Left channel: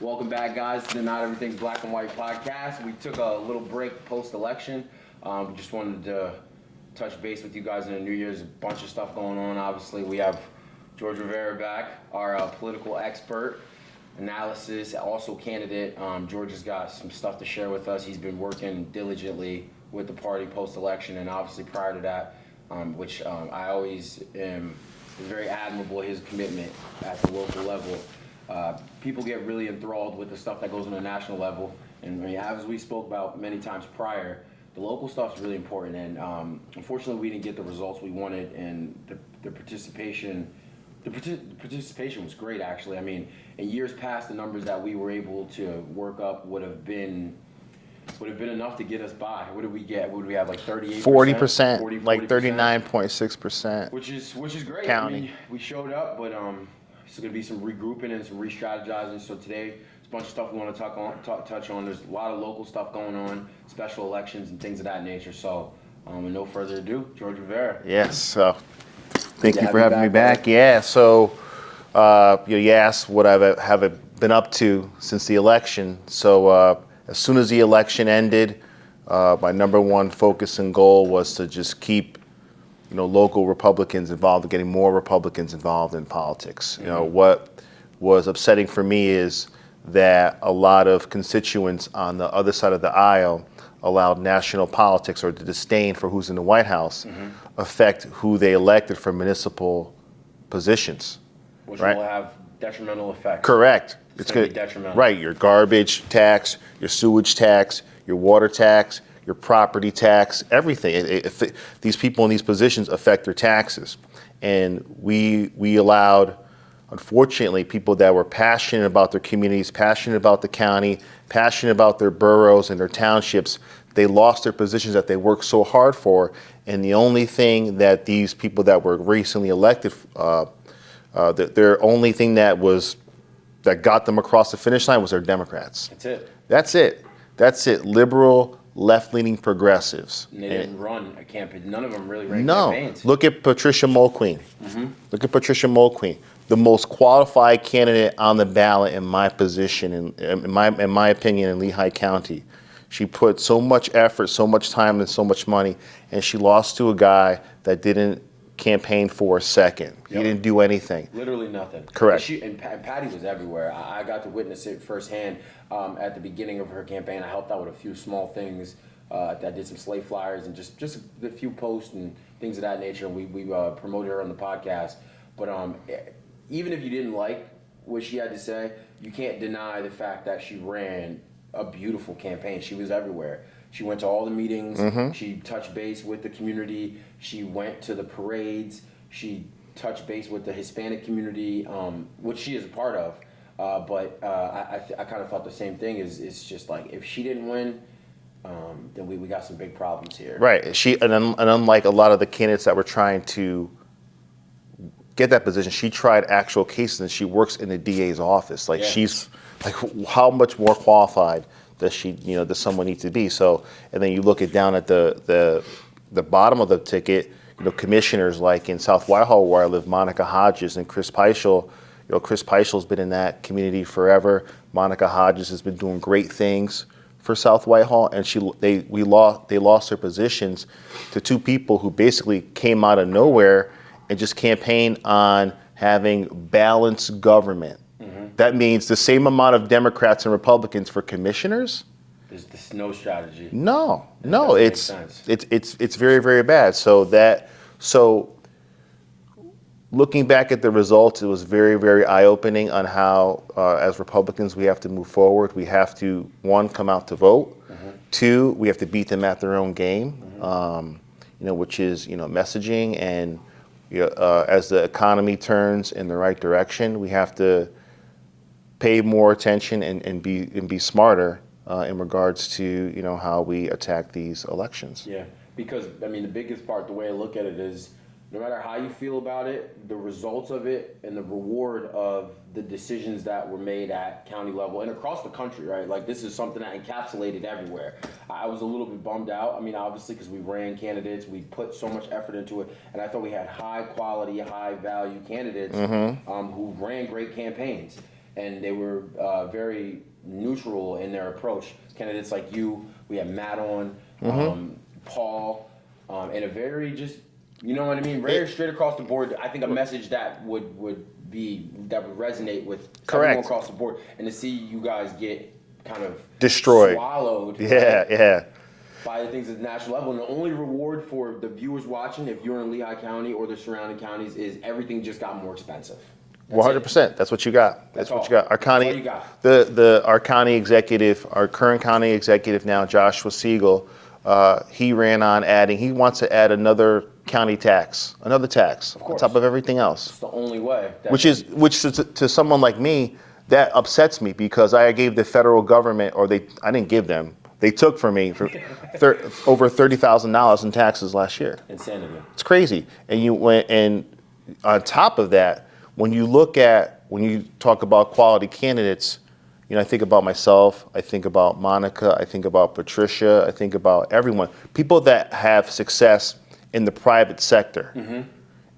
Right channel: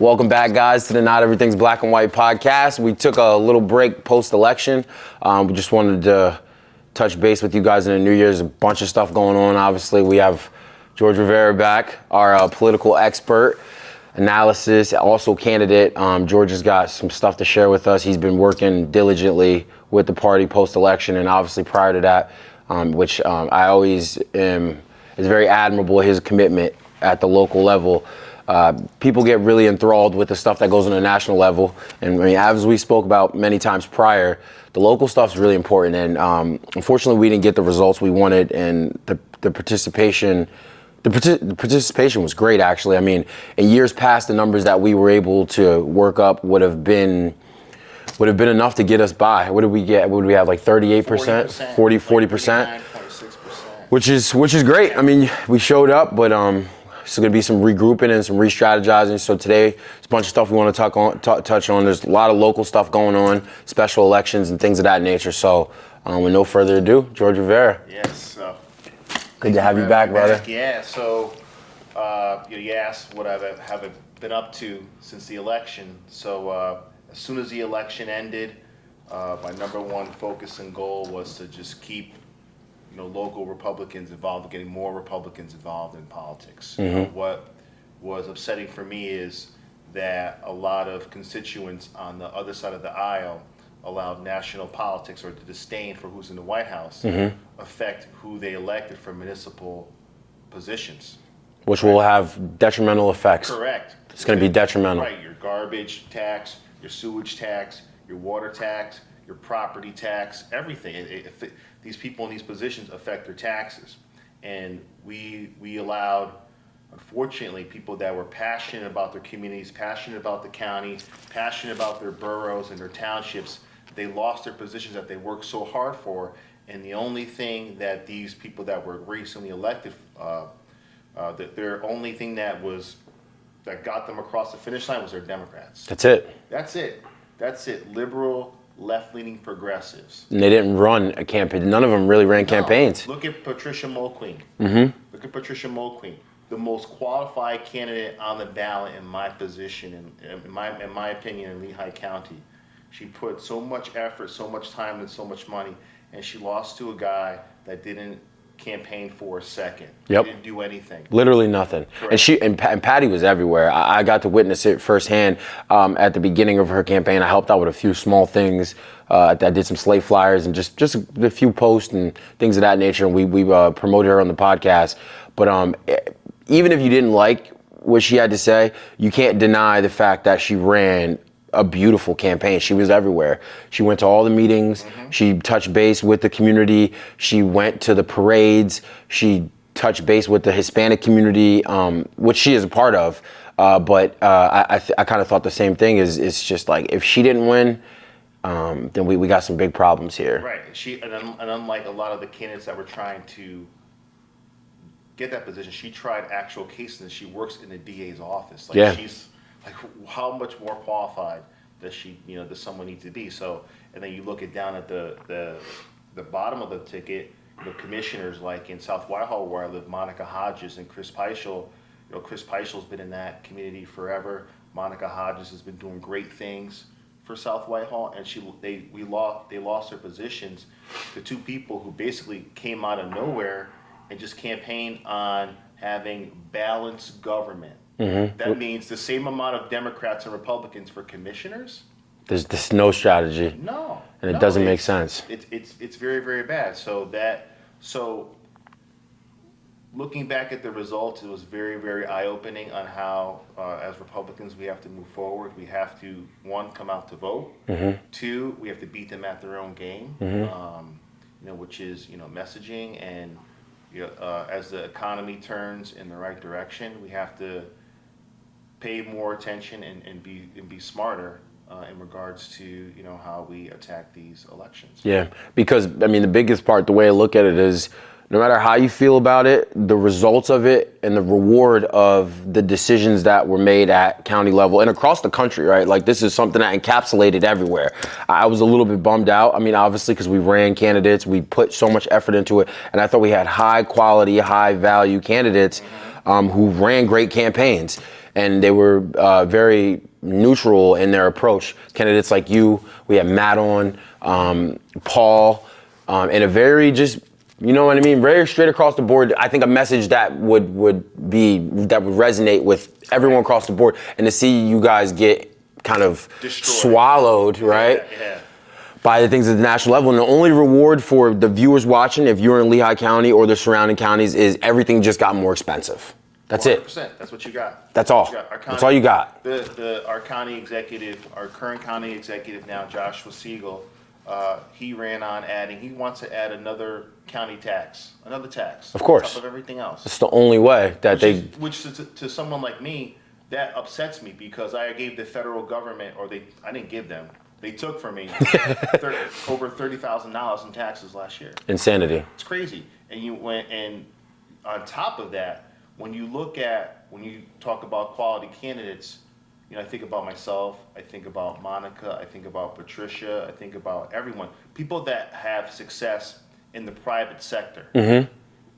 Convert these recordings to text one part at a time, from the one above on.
Welcome back, guys, to the Not Everything's Black and White podcast. We took a little break post-election. We just wanted to touch base with you guys in the New Year's. A bunch of stuff going on. Obviously, we have George Rivera back, our political expert, analysis, also candidate. George has got some stuff to share with us. He's been working diligently with the party post-election, and obviously prior to that, which I always am, is very admirable, his commitment at the local level. People get really enthralled with the stuff that goes on the national level. And I mean, as we spoke about many times prior, the local stuff is really important. And unfortunately, we didn't get the results we wanted. And the participation was great, actually. I mean, in years past, the numbers that we were able to work up would have been enough to get us by. What did we get? What did we have, like 38%? 40%. 40%. 39.6%. Which is great. I mean, we showed up, but there's going to be some regrouping and some re-strategizing. So today, there's a bunch of stuff we want to touch on. There's a lot of local stuff going on, special elections and things of that nature. So with no further ado, George Rivera. Yes. Good to have you back. Yeah. So you asked what have been up to since the election. So as soon as the election ended, my number one focus and goal was to just keep local Republicans involved, getting more Republicans involved in politics. Mm-hmm. What was upsetting for me is that a lot of constituents on the other side of the aisle allowed national politics, or the disdain for who's in the White House, affect who they elected for municipal positions. Which right? will have detrimental effects. Correct. It's going to be detrimental. Right, your garbage tax, your sewage tax, your water tax, your property tax, everything. These people in these positions affect their taxes. And we allowed, unfortunately, people that were passionate about their communities, passionate about the county, passionate about their boroughs and their townships, they lost their positions that they worked so hard for. And the only thing that these people that were recently elected, their only thing that got them across the finish line was their Democrats. That's it. Liberal, left-leaning progressives. And they didn't run a campaign. None of them really ran campaigns. Look at Patricia Mulqueen. Mm-hmm. Look at Patricia Mulqueen, the most qualified candidate on the ballot in my position, in my opinion, in Lehigh County. She put so much effort, so much time, and so much money, and she lost to a guy that didn't campaign for a second. Yep. He didn't do anything. Literally nothing. Correct. And Patty was everywhere. I got to witness it firsthand at the beginning of her campaign. I helped out with a few small things. I did some slate flyers and just a few posts and things of that nature. And we promoted her on the podcast. But even if you didn't like what she had to say, you can't deny the fact that she ran a beautiful campaign. She was everywhere. She went to all the meetings. Mm-hmm. She touched base with the community. She went to the parades. She touched base with the Hispanic community, which she is a part of. But I kind of thought the same thing. It's just like, if she didn't win, then we got some big problems here. Right. And unlike a lot of the candidates that were trying to get that position, she tried actual cases, and she works in the DA's office. She's like, how much more qualified does someone need to be? So, and then you look down at the bottom of the ticket, commissioners like in South Whitehall, where I live, Monica Hodges and Chris Peischel. Chris Peichel's been in that community forever. Monica Hodges has been doing great things for South Whitehall, and they lost their positions to two people who basically came out of nowhere and just campaigned on having balanced government. Mm-hmm. That means the same amount of Democrats and Republicans for commissioners. There's no strategy. No, and it doesn't make sense. It's very, very bad. So looking back at the results, it was very, very eye-opening on how, as Republicans, we have to move forward. We have to, one, come out to vote. Mm-hmm. Two, we have to beat them at their own game. Mm-hmm. Which is messaging, and as the economy turns in the right direction, we have to pay more attention and be smarter in regards to how we attack these elections. Yeah, because I mean the biggest part, the way I look at it is, no matter how you feel about it, the results of it and the reward of the decisions that were made at county level and across the country, right? Like, this is something that encapsulated everywhere. I was a little bit bummed out. I mean, obviously, because we ran candidates, we put so much effort into it, and I thought we had high quality, high value candidates who ran great campaigns. and they were very neutral in their approach. Candidates like you, we had Matt on, Paul, and a very just, you know what I mean, very straight across the board. I think a message that would resonate with everyone across the board, and to see you guys get kind of destroyed, swallowed, right? Yeah. By the things at the national level. And the only reward for the viewers watching, if you're in Lehigh County or the surrounding counties, is everything just got more expensive. That's 100%. It. That's what you got. That's all. Our county, that's all you got. Our county executive, our current county executive now, Joshua Siegel, he ran on adding, he wants to add another county tax, Of course. on top of everything else. It's the only way. Which to someone like me, that upsets me, because I gave the federal government, I didn't give them, they took from me over $30,000 in taxes last year. Insanity. It's crazy. And on top of that, when you talk about quality candidates, I think about myself, I think about Monica, I think about Patricia, I think about everyone. People that have success in the private sector. And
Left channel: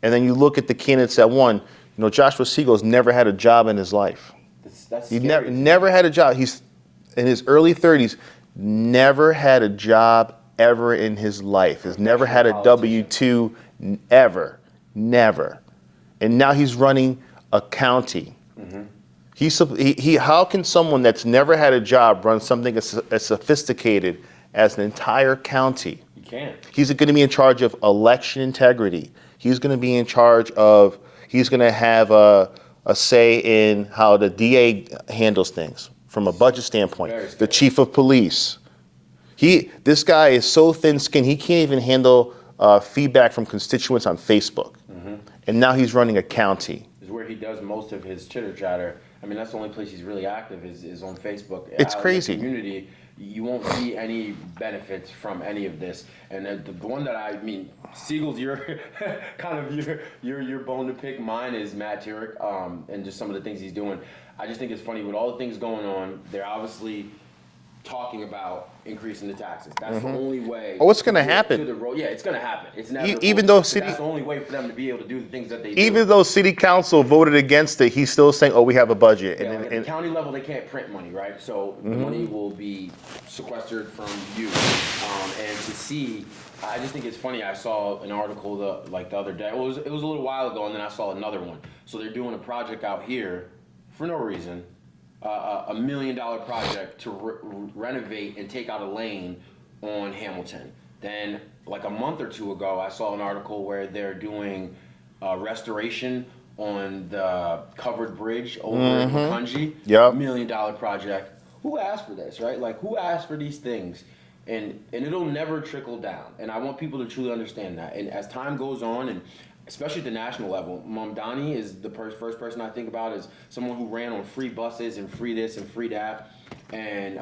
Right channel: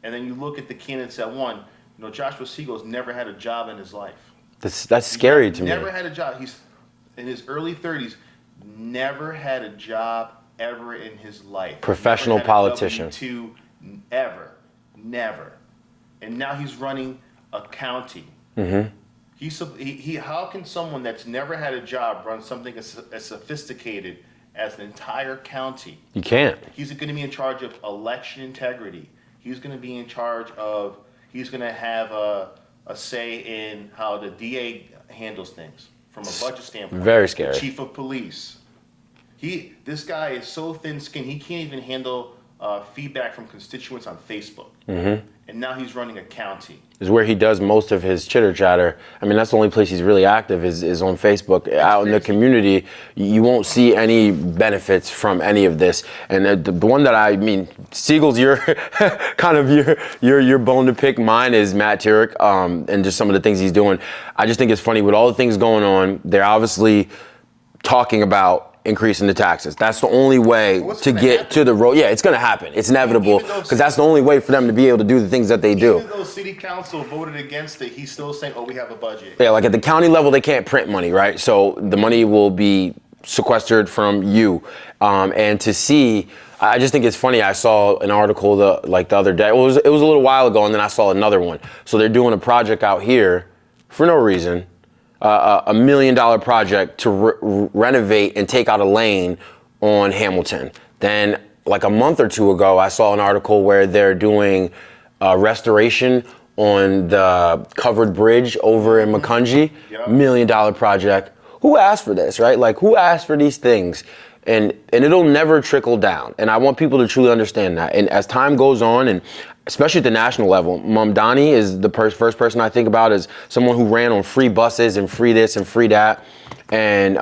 then you look at the candidates that won. Joshua Siegel's never had a job in his life. That's scary to me. Never had a job. He's in his early 30s, never had a job ever in his life. Professional never had politician. a W-2 ever. Never. And now he's running a county. How can someone that's never had a job run something as sophisticated as an entire county? You can't. He's going to be in charge of election integrity. He's going to be in charge of, he's going to have a say in how the DA handles things from a budget standpoint. Very scary. The chief of police. This guy is so thin-skinned, he can't even handle feedback from constituents on Facebook. And now he's running a county. Is where he does most of his chitter chatter. I mean, that's the only place he's really active is on Facebook. Out in the community, you won't see any benefits from any of this. And the one that Siegel's your kind of your bone to pick. Mine is Matt Turek, and just some of the things he's doing. I just think it's funny with all the things going on. They're obviously talking about increasing the taxes. That's the only way to get to the road. Yeah, it's going to happen. It's inevitable, because that's the only way for them to be able to do the things that they do. Even though city council voted against it, he's still saying, we have a budget. Yeah, like at the county level, they can't print money, right? So the money will be sequestered from you. And to see, I just think it's funny. I saw an article the other day. It was a little while ago, and then I saw another one. So they're doing a project out here for no reason. $1 million project to renovate and take out a lane on Hamilton. Then, like a month or two ago, I saw an article where they're doing restoration on the covered bridge over in Macungie. Yep. $1 million project. Who asked for this, right? Like, who asked for these things? And it'll never trickle down. And I want people to truly understand that. And as time goes on, and especially at the national level, Mamdani is the first person I think about as someone who ran on free buses and free this and free that, and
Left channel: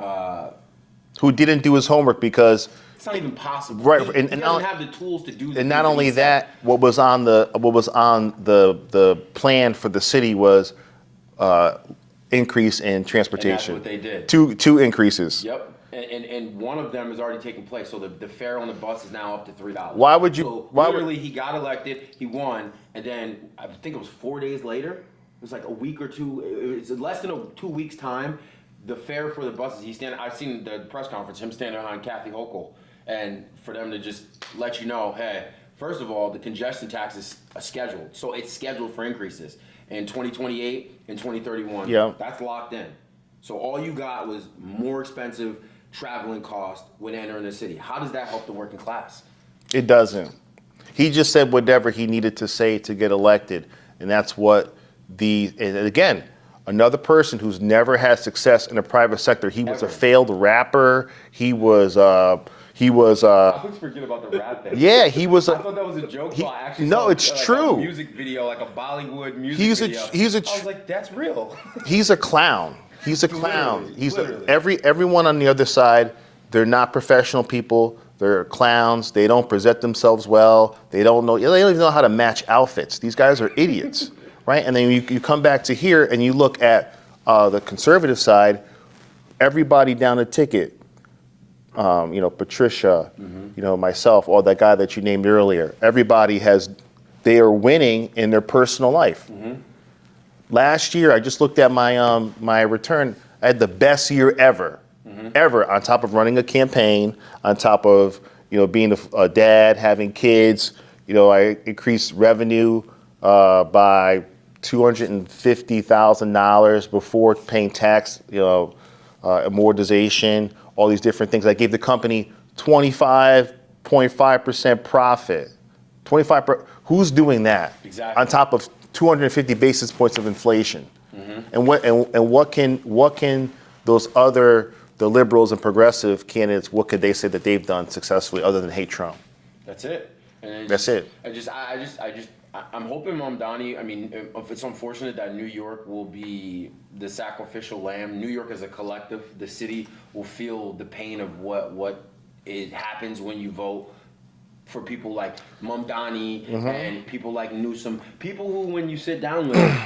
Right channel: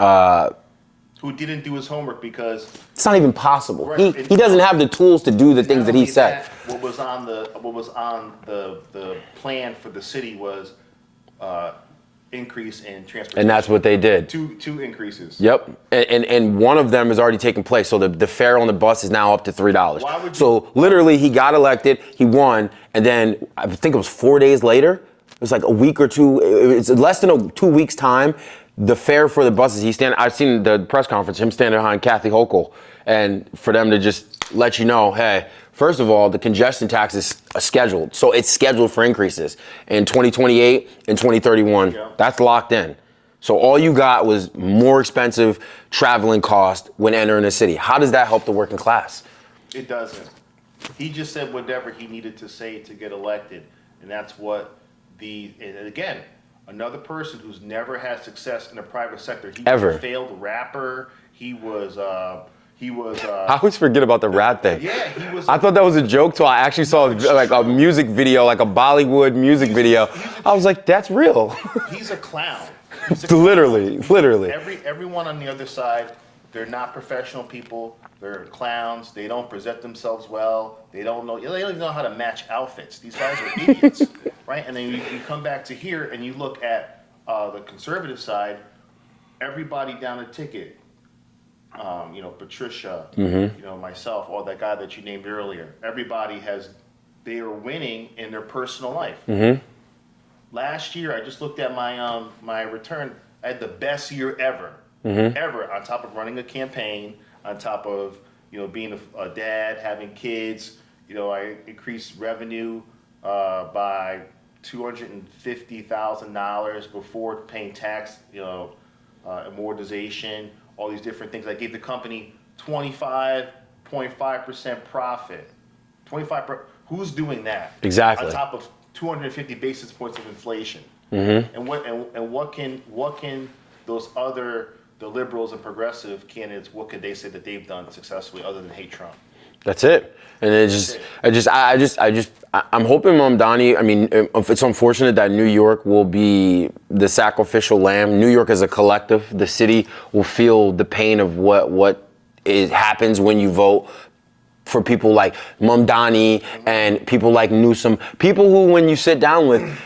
who didn't do his homework because it's not even possible. Right, he doesn't have the tools to do the things that he said. Not only that, what was on the plan for the city was increase in transportation. And that's what they did. Two increases. Yep. And one of them has already taken place. So the fare on the bus is now up to $3. Why would you? So literally, he got elected, he won, and then I think it was 4 days later. It was like a week or two. It's less than 2 weeks time. The fare for the buses, I've seen the press conference, him standing behind Kathy Hochul, and for them to just let you know, hey, first of all, the congestion tax is scheduled. So it's scheduled for increases in 2028 and 2031. Yeah. That's locked in. So all you got was more expensive traveling cost when entering the city. How does that help the working class? It doesn't. He just said whatever he needed to say to get elected. And that's what and again, another person who's never had success in the private sector. He was a failed rapper. He was I always forget about the rap thing. Yeah, he was. I thought that was a joke, so I actually saw a music video, like a Bollywood music video. I was like, that's real. He's a clown. He's a clown. Literally. Everyone on the other side, they're not professional people. They're clowns. They don't present themselves well. They don't even know how to match outfits. These guys are idiots, right? And then you come back to here and you look at the conservative side. Everybody down the ticket. Patricia, myself, or that guy that you named earlier. Everybody they are winning in their personal life. last year, I just looked at my return. I had the best year ever, ever. On top of running a campaign, on top of being a dad, having kids. I increased revenue by $250,000 before paying tax, amortization, all these different things. I gave the company 25.5% profit. 25%. Who's doing that? Exactly. On top of 250 basis points of inflation. And what can those other the liberals and progressive candidates, what could they say that they've done successfully other than hate Trump? That's it. And I'm hoping Mamdani, I mean, it's unfortunate that New York will be the sacrificial lamb. New York as a collective, the city will feel the pain of what happens when you vote for people like Mamdani and people like Newsom, people who, when you sit down with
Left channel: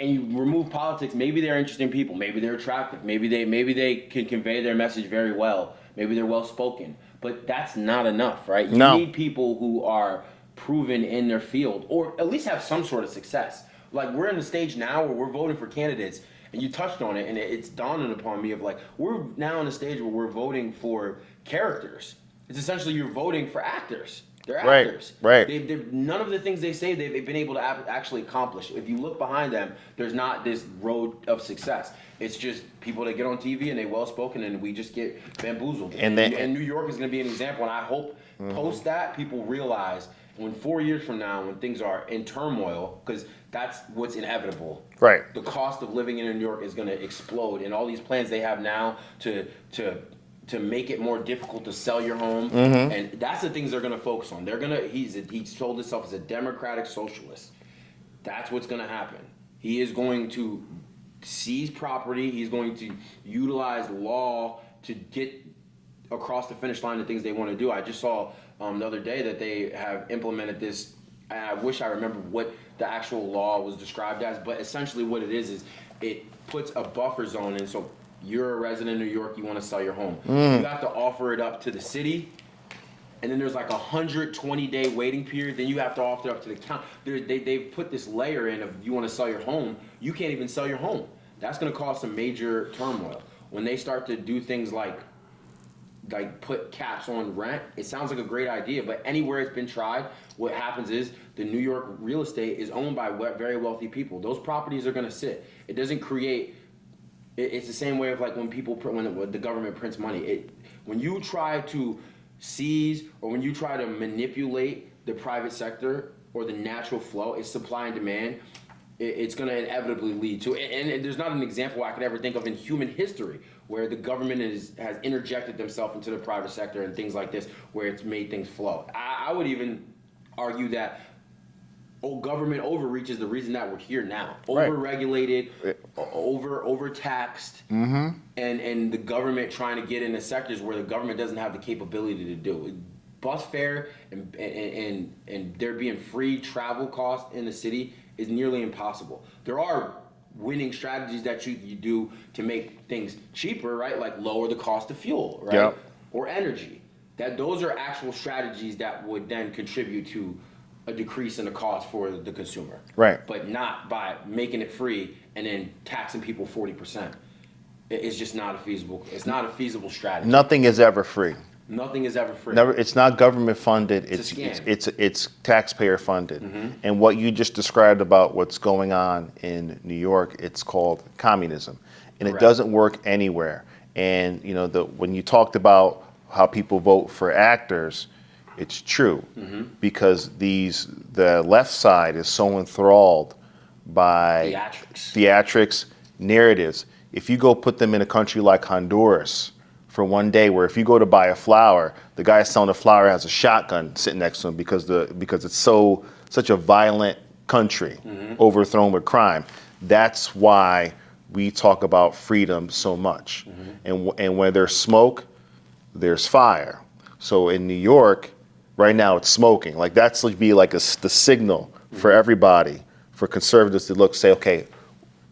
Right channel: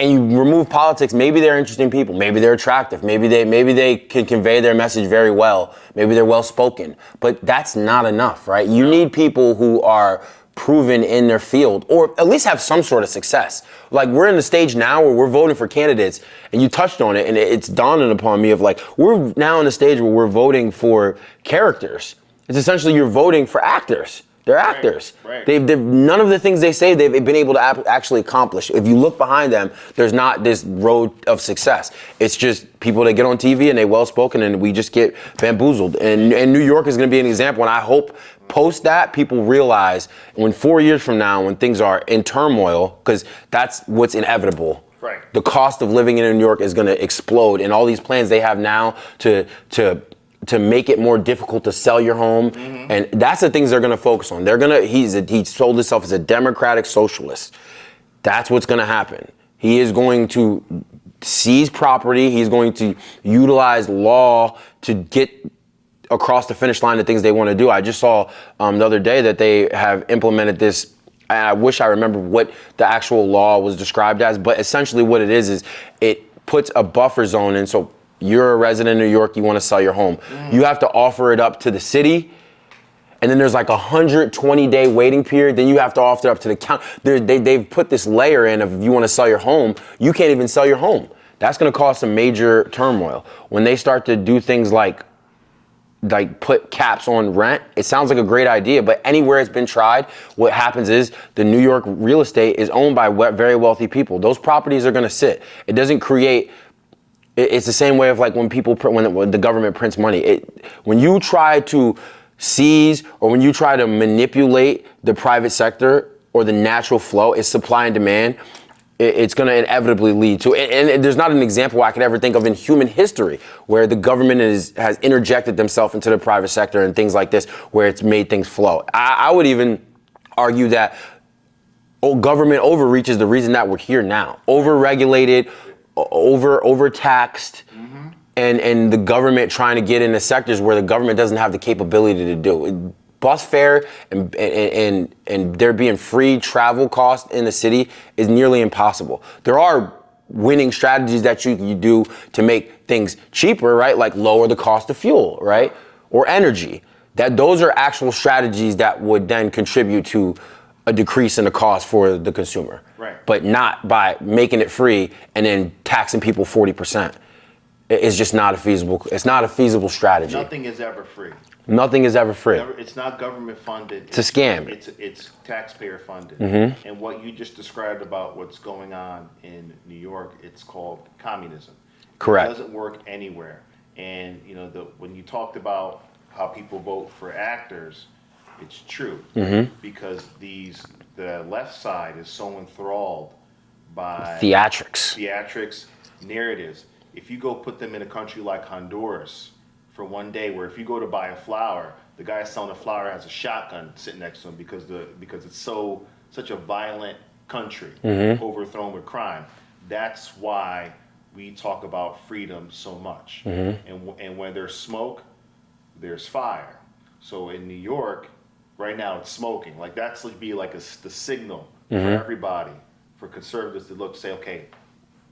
and you remove politics, maybe they're interesting people, maybe they're attractive, maybe they can convey their message very well, maybe they're well spoken, but that's not enough, right? You need people who are proven in their field, or at least have some sort of success. Like, we're in the stage now where we're voting for candidates, and you touched on it, and it's dawning upon me of like, we're now in the stage where we're voting for characters. It's essentially you're voting for actors. They're actors. Right. They've none of the things they say they've been able to actually accomplish. If you look behind them, there's not this road of success. It's just people that get on TV and they well spoken, and we just get bamboozled. And New York is going to be an example. And I hope post that people realize when 4 years from now, when things are in turmoil, because that's what's inevitable. Right. The cost of living in New York is going to explode, and all these plans they have now to make it more difficult to sell your home, and that's the things they're going to focus on. He sold himself as a democratic socialist. That's what's going to happen. He is going to seize property. He's going to utilize law to get across the finish line the things they want to do. I just saw the other day that they have implemented this. I wish I remember what the actual law was described as, but essentially what it is it puts a buffer zone in. So you're a resident of New York, you want to sell your home. You have to offer it up to the city, and then there's like a 120-day waiting period. Then you have to offer it up to the county. They've put this layer in of if you want to sell your home, you can't even sell your home. That's going to cause some major turmoil. When they start to do things like put caps on rent, it sounds like a great idea, but anywhere it's been tried, what happens is the New York real estate is owned by very wealthy people. Those properties are going to sit. It doesn't create. It's the same way of like when the government prints money. When you try to seize or when you try to manipulate the private sector or the natural flow, it's supply and demand. It's going to inevitably lead to, and there's not an example I could ever think of in human history where the government has interjected themselves into the private sector and things like this, where it's made things flow. I would even argue that government overreach is the reason that we're here now. Overregulated, overtaxed, and the government trying to get into sectors where the government doesn't have the capability to do. Bus fare and there being free travel costs in the city is nearly impossible. There are winning strategies that you do to make things cheaper, right? Like lower the cost of fuel, right? Yep. Or energy. Those are actual strategies that would then contribute to a decrease in the cost for the consumer. Right. But not by making it free and then taxing people 40%. It's just not a feasible strategy. Nothing is ever free. Nothing is ever free. It's not government funded. It's a scam. It's taxpayer funded. And what you just described about what's going on in New York, it's called communism. And Correct. It doesn't work anywhere. And when you talked about how people vote for actors, it's true because the left side is so enthralled by theatrics, narratives. If you go put them in a country like Honduras for one day, where if you go to buy a flower, the guy selling the flower has a shotgun sitting next to him because it's such a violent country, overthrown with crime. That's why we talk about freedom so much. And where there's smoke, there's fire. So in New York, right now it's smoking. Like that's be like the signal for everybody, for conservatives to say, okay,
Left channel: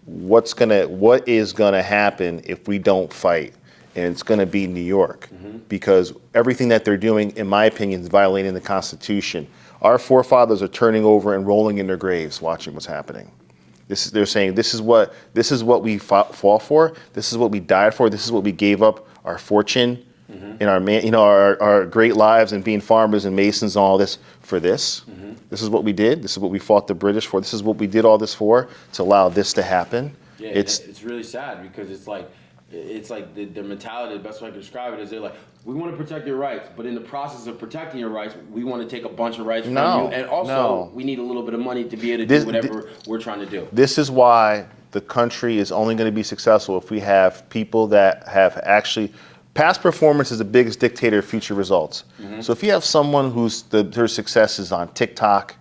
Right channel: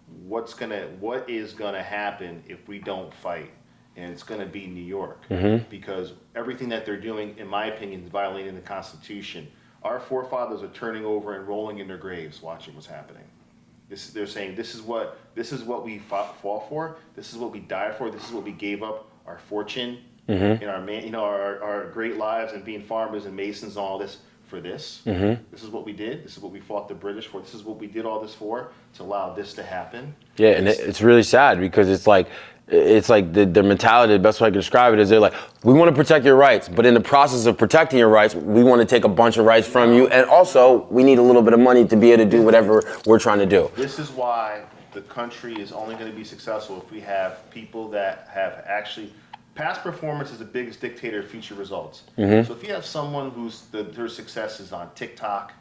what is gonna happen if we don't fight? And it's gonna be New York, because everything that they're doing, in my opinion, is violating the Constitution. Our forefathers are turning over and rolling in their graves watching what's happening. They're saying this is what we fought for. This is what we died for. This is what we gave up our fortune and our great lives and being farmers and masons and all this for this. This is what we did. This is what we fought the British for. This is what we did all this for, to allow this to happen. Yeah, and it's really sad because it's like the mentality, the best way I can describe it is they're like, we want to protect your rights, but in the process of protecting your rights, we want to take a bunch of rights from you, and also we need a little bit of money to be able to do whatever we're trying to do. This is why the country is only going to be successful if we have people that have actually, past performance is the biggest dictator of future results. So if you have someone their success is on TikTok,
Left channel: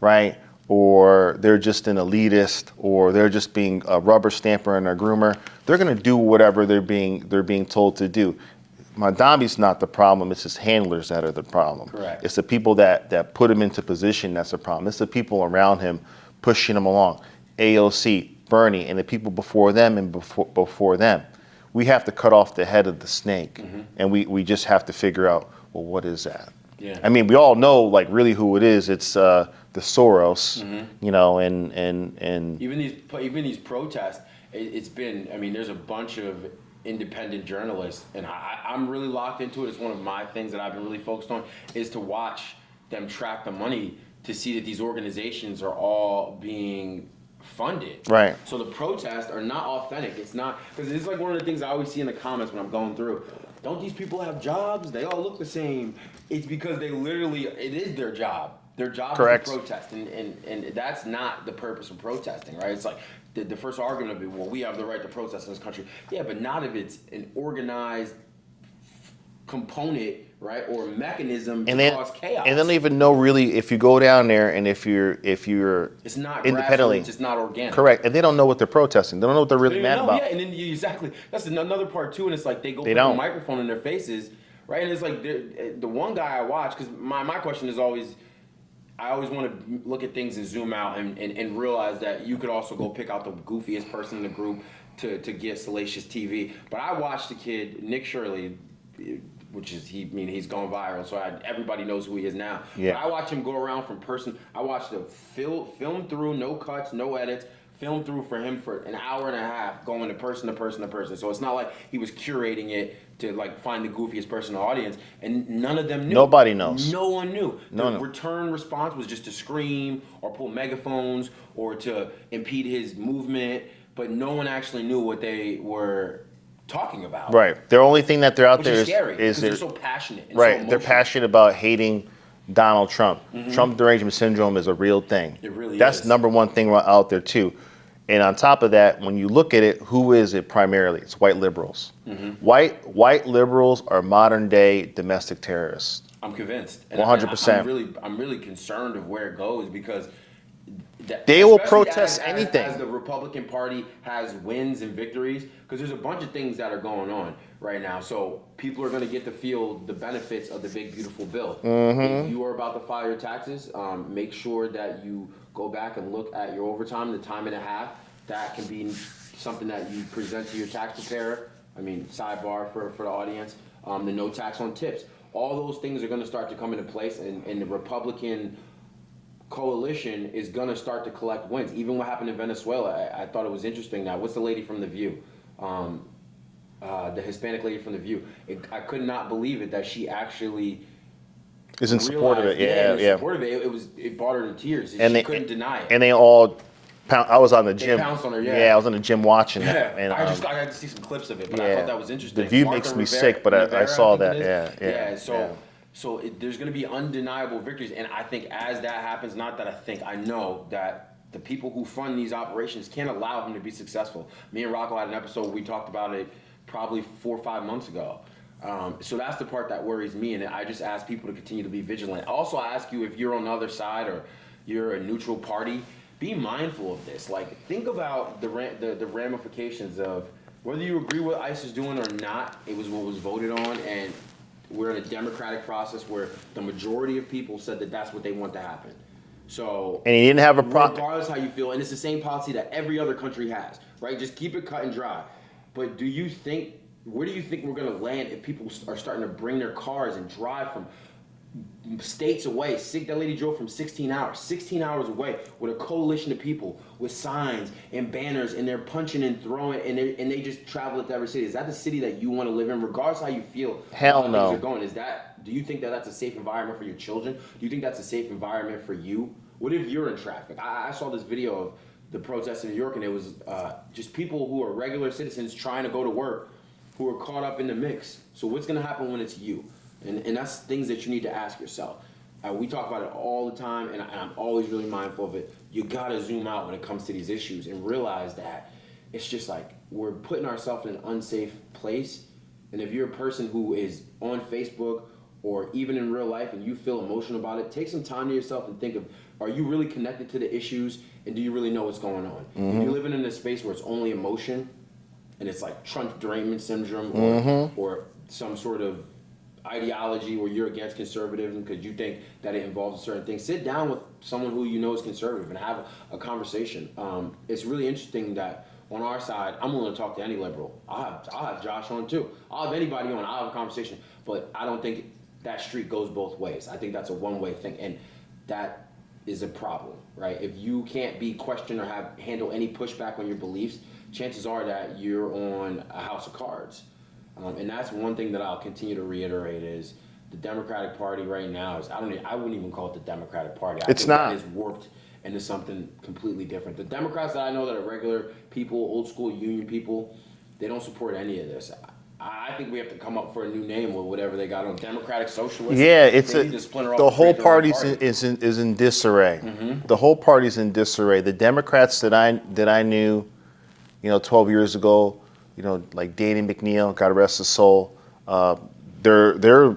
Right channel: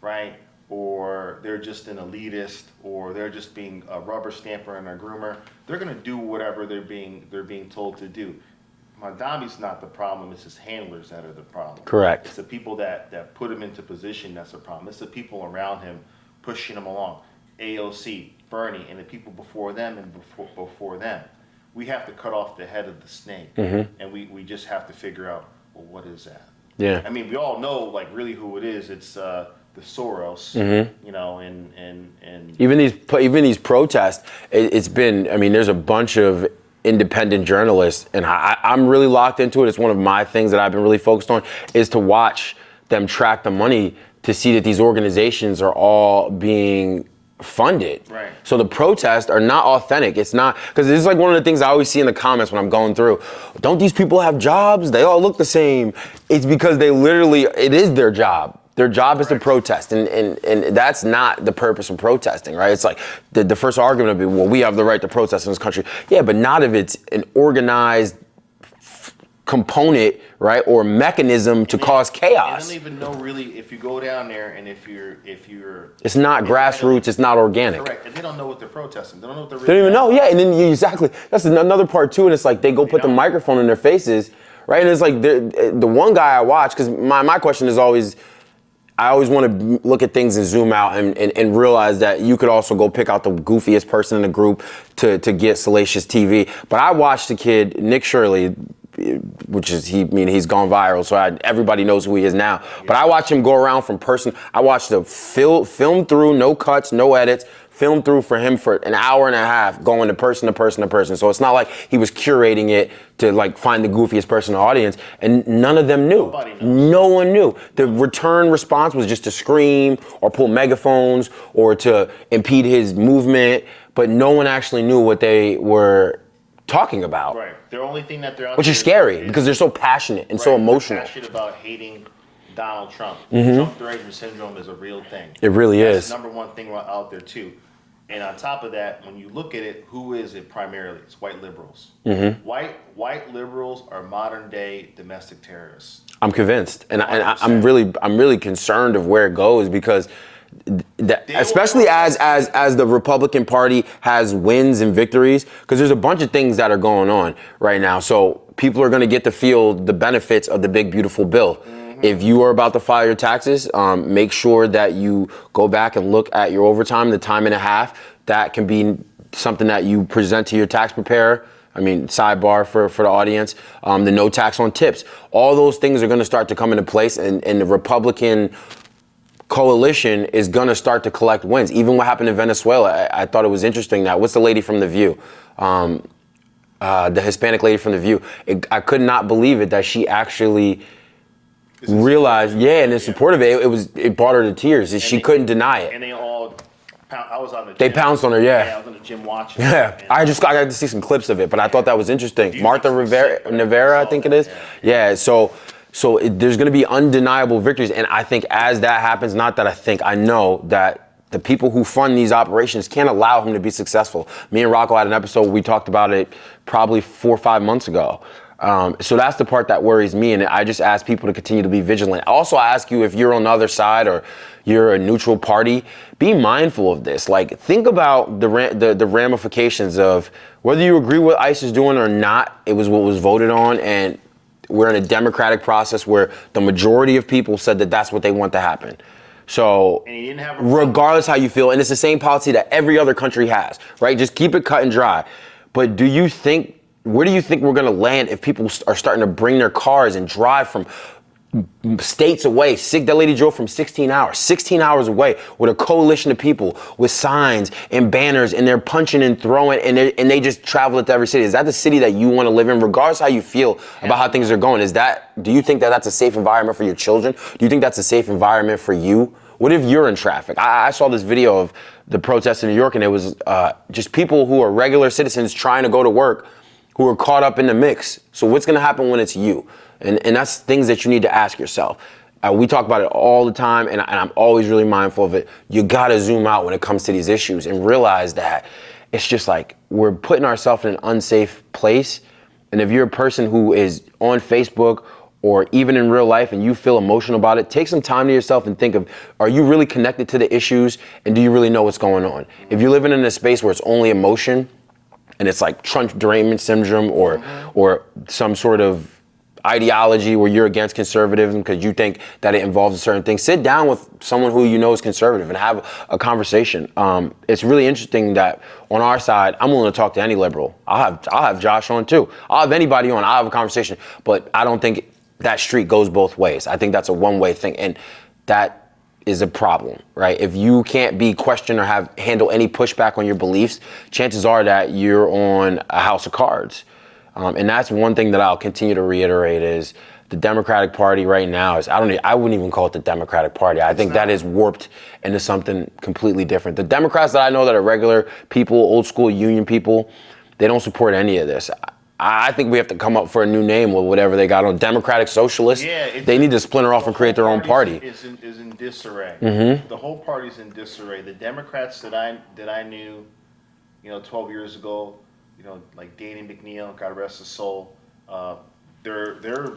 right? Or they're just an elitist, or they're just being a rubber stamper and a groomer, they're going to do whatever they're being told to do. Mondambi's not the problem; it's his handlers that are the problem. Correct. It's the people that put him into position that's the problem. It's the people around him pushing him along. AOC, Bernie, and the people before them and before them. We have to cut off the head of the snake, and we just have to figure out, well, what is that? Yeah. I mean, we all know like really who it is. It's the Soros, and even these protests, it's been, I mean, there's a bunch of independent journalists, and I'm really locked into it. It's one of my things that I've been really focused on, is to watch them track the money to see that these organizations are all being funded. Right. So the protests are not authentic. It's not, because this is like one of the things I always see in the comments when I'm going through. Don't these people have jobs? They all look the same. It's because it is their job. Their job is to protest, and that's not the purpose of protesting, right? It's like the first argument would be, well, we have the right to protest in this country. Yeah, but not if it's an organized component, right, or mechanism to cause chaos. And they don't even know really if you go down there and if you're. It's not grassroots. It's not organic. Correct, and they don't know what they're protesting. They don't know what they're really. They don't even know. About. Yeah, and then exactly, that's another part too. And it's like they put the microphone in their faces, right? And it's like the one guy I watch, because my question is always, I always want to look at things and zoom out and realize that you could also go pick out the goofiest person in the group to get salacious TV. But I watched the kid, Nick Shirley, which is, he's gone viral, so everybody knows who he is now. Yeah. But I watched him go around from person. I watched the film through, no cuts, no edits, film through for him for an hour and a half, going to person to person to person. So it's not like he was curating it to like find the goofiest person in the audience, and none of them knew. Nobody knows. No one knew. The return response was just to scream or pull megaphones or to impede his movement, but no one actually knew what they were talking about. Right. The only thing that they're out which there is scary because they're so passionate and so emotional. They're passionate about hating Donald Trump. Trump derangement syndrome is a real thing. It really is. That's the number one thing out there too. And on top of that, when you look at it, who is it primarily? It's white liberals. White liberals are modern day domestic terrorists. I'm convinced, and I'm really concerned of where it goes, because especially as the Republican Party has wins and victories, because there's a bunch of things that are going on right now. So people are going to get to feel the benefits of the big, beautiful bill. If you are about to file your taxes, make sure that you go back and look at your overtime, the time and a half. That can be something that you present to your tax preparer. I mean, sidebar for the audience, the no tax on tips. All those things are going to start to come into place, and the Republican coalition is going to start to collect wins. Even what happened in Venezuela, I thought it was interesting that, what's the lady from The View? The Hispanic lady from The View. I could not believe it that she actually realized, and in support of it, it brought her to tears. She couldn't deny it. And they all, I was on the gym. They pounced on her, Yeah, I was on the gym watching it. And, I got to see some clips of it, but I thought that was interesting. Martha Rivera, I think it is. So there's going to be undeniable victories, and I think as that happens, I know that the people who fund these operations can't allow him to be successful. Me and Rocco had an episode where we talked about it probably 4 or 5 months ago. So that's the part that worries me, and I just ask people to continue to be vigilant. Also, I ask you, if you're on the other side or you're a neutral party, be mindful of this. Like, think about the ramifications of whether you agree with what ICE is doing or not. It was what was voted on, and we're in a democratic process where the majority of people said that that's what they want to happen. So, and he didn't have a problem. Regardless how you feel, and it's the same policy that every other country has, right? Just keep it cut and dry. But where do you think we're going to land if people are starting to bring their cars and drive from states away. That lady drove from 16 hours away with a coalition of people with signs and banners, and they're punching and throwing, and they just travel it to every city. Is that the city that you want to live in, regardless how you feel about how things are going? Do you think that that's a safe environment for your children? Do you think that's a safe environment for you? What if you're in traffic? I saw this video of the protests in New York, and it was just people who are regular citizens trying to go to work who are caught up in the mix. So what's going to happen when it's you? And that's things that you need to ask yourself. We talk about it all the time, and I'm always really mindful of it. You gotta zoom out when it comes to these issues and realize that it's just like we're putting ourselves in an unsafe place. And if you're a person who is on Facebook or even in real life and you feel emotional about it, take some time to yourself and think of, are you really connected to the issues, and do you really know what's going on? If you're living in a space where it's only emotion, and it's like trunk derangement syndrome or some sort of ideology where you're against conservatism because you think that it involves a certain thing, sit down with someone who you know is conservative and have a conversation. It's really interesting that on our side, I'm willing to talk to any liberal. I'll have Josh on too. I'll have anybody on. I'll have a conversation. But I don't think that street goes both ways. I think that's a one-way thing, and that is a problem, right? If you can't be questioned or handle any pushback on your beliefs, chances are that you're on a house of cards. And that's one thing that I'll continue to reiterate is the Democratic Party right now is, I wouldn't even call it the Democratic Party. I think that is warped into something completely different. The Democrats that I know that are regular people, old school union people, they don't support any of this. I think we have to come up for a new name with whatever they got on Democratic Socialists. Yeah, they need to splinter off and create their own party. Is in disarray. The whole party's in disarray. The Democrats that I knew, 12 years ago, like Danny McNeil, God rest his soul, they're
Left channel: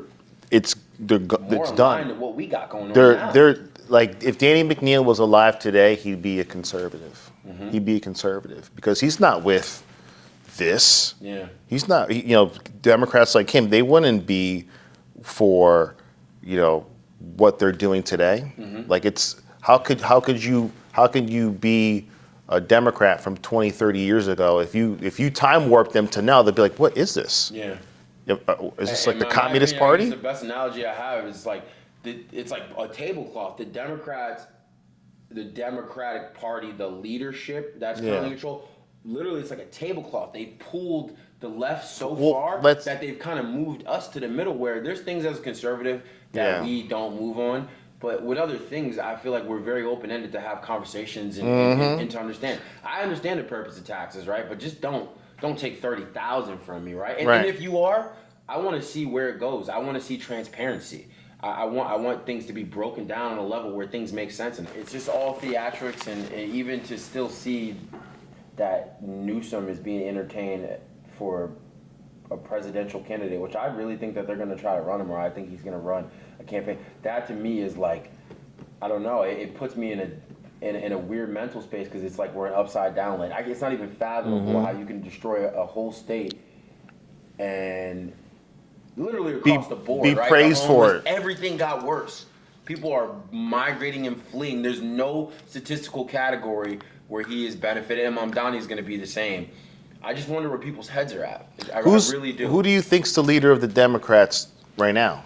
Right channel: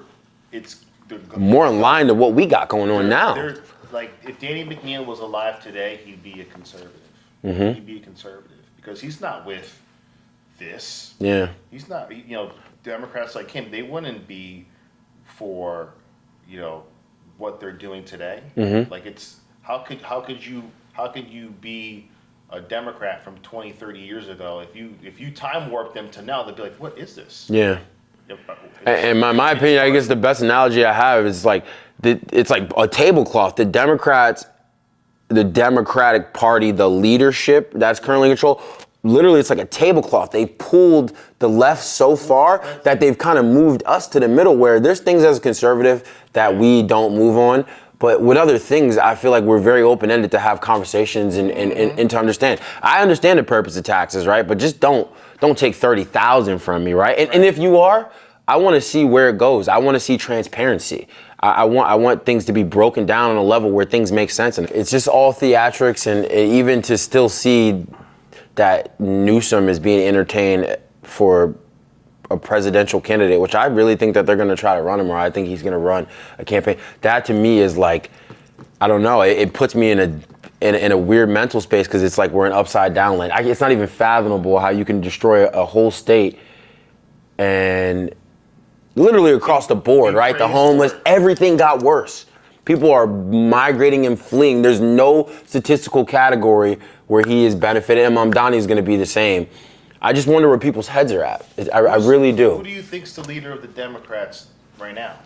more in line to what we got going on now. They're like, if Danny McNeil was alive today, he'd be a conservative. He'd be a conservative because he's not with this. Yeah, he's not. Democrats like him, they wouldn't be for what they're doing today. Like, it's how could you be a Democrat from 20, 30 years ago? If you time warp them to now, they'd be like, what is this? Yeah. In my opinion, I guess the best analogy I have is like, it's like a tablecloth. The Democratic Party, the leadership that's currently in control, literally it's like a tablecloth. They pulled the left so far that they've kind of moved us to the middle, where there's things as a conservative that we don't move on. But with other things, I feel like we're very open-ended to have conversations and to understand. I understand the purpose of taxes, right? But just don't take $30,000 from me, right? And if you are, I want to see where it goes. I want to see transparency. I want things to be broken down on a level where things make sense. And it's just all theatrics, and even to still see that Newsom is being entertained for a presidential candidate, which I really think that they're going to try to run him, or I think he's going to run a campaign. That to me is like, I don't know. It puts me in a weird mental space, because it's like we're in upside down land. It's not even fathomable how you can destroy a whole state and literally across the board, right? The homeless, everything got worse. People are migrating and fleeing. There's no statistical category where he is benefiting. And Mamdani is going to be the same. I just wonder where people's heads are at. I really do. Who do you think's the leader of the Democrats right now?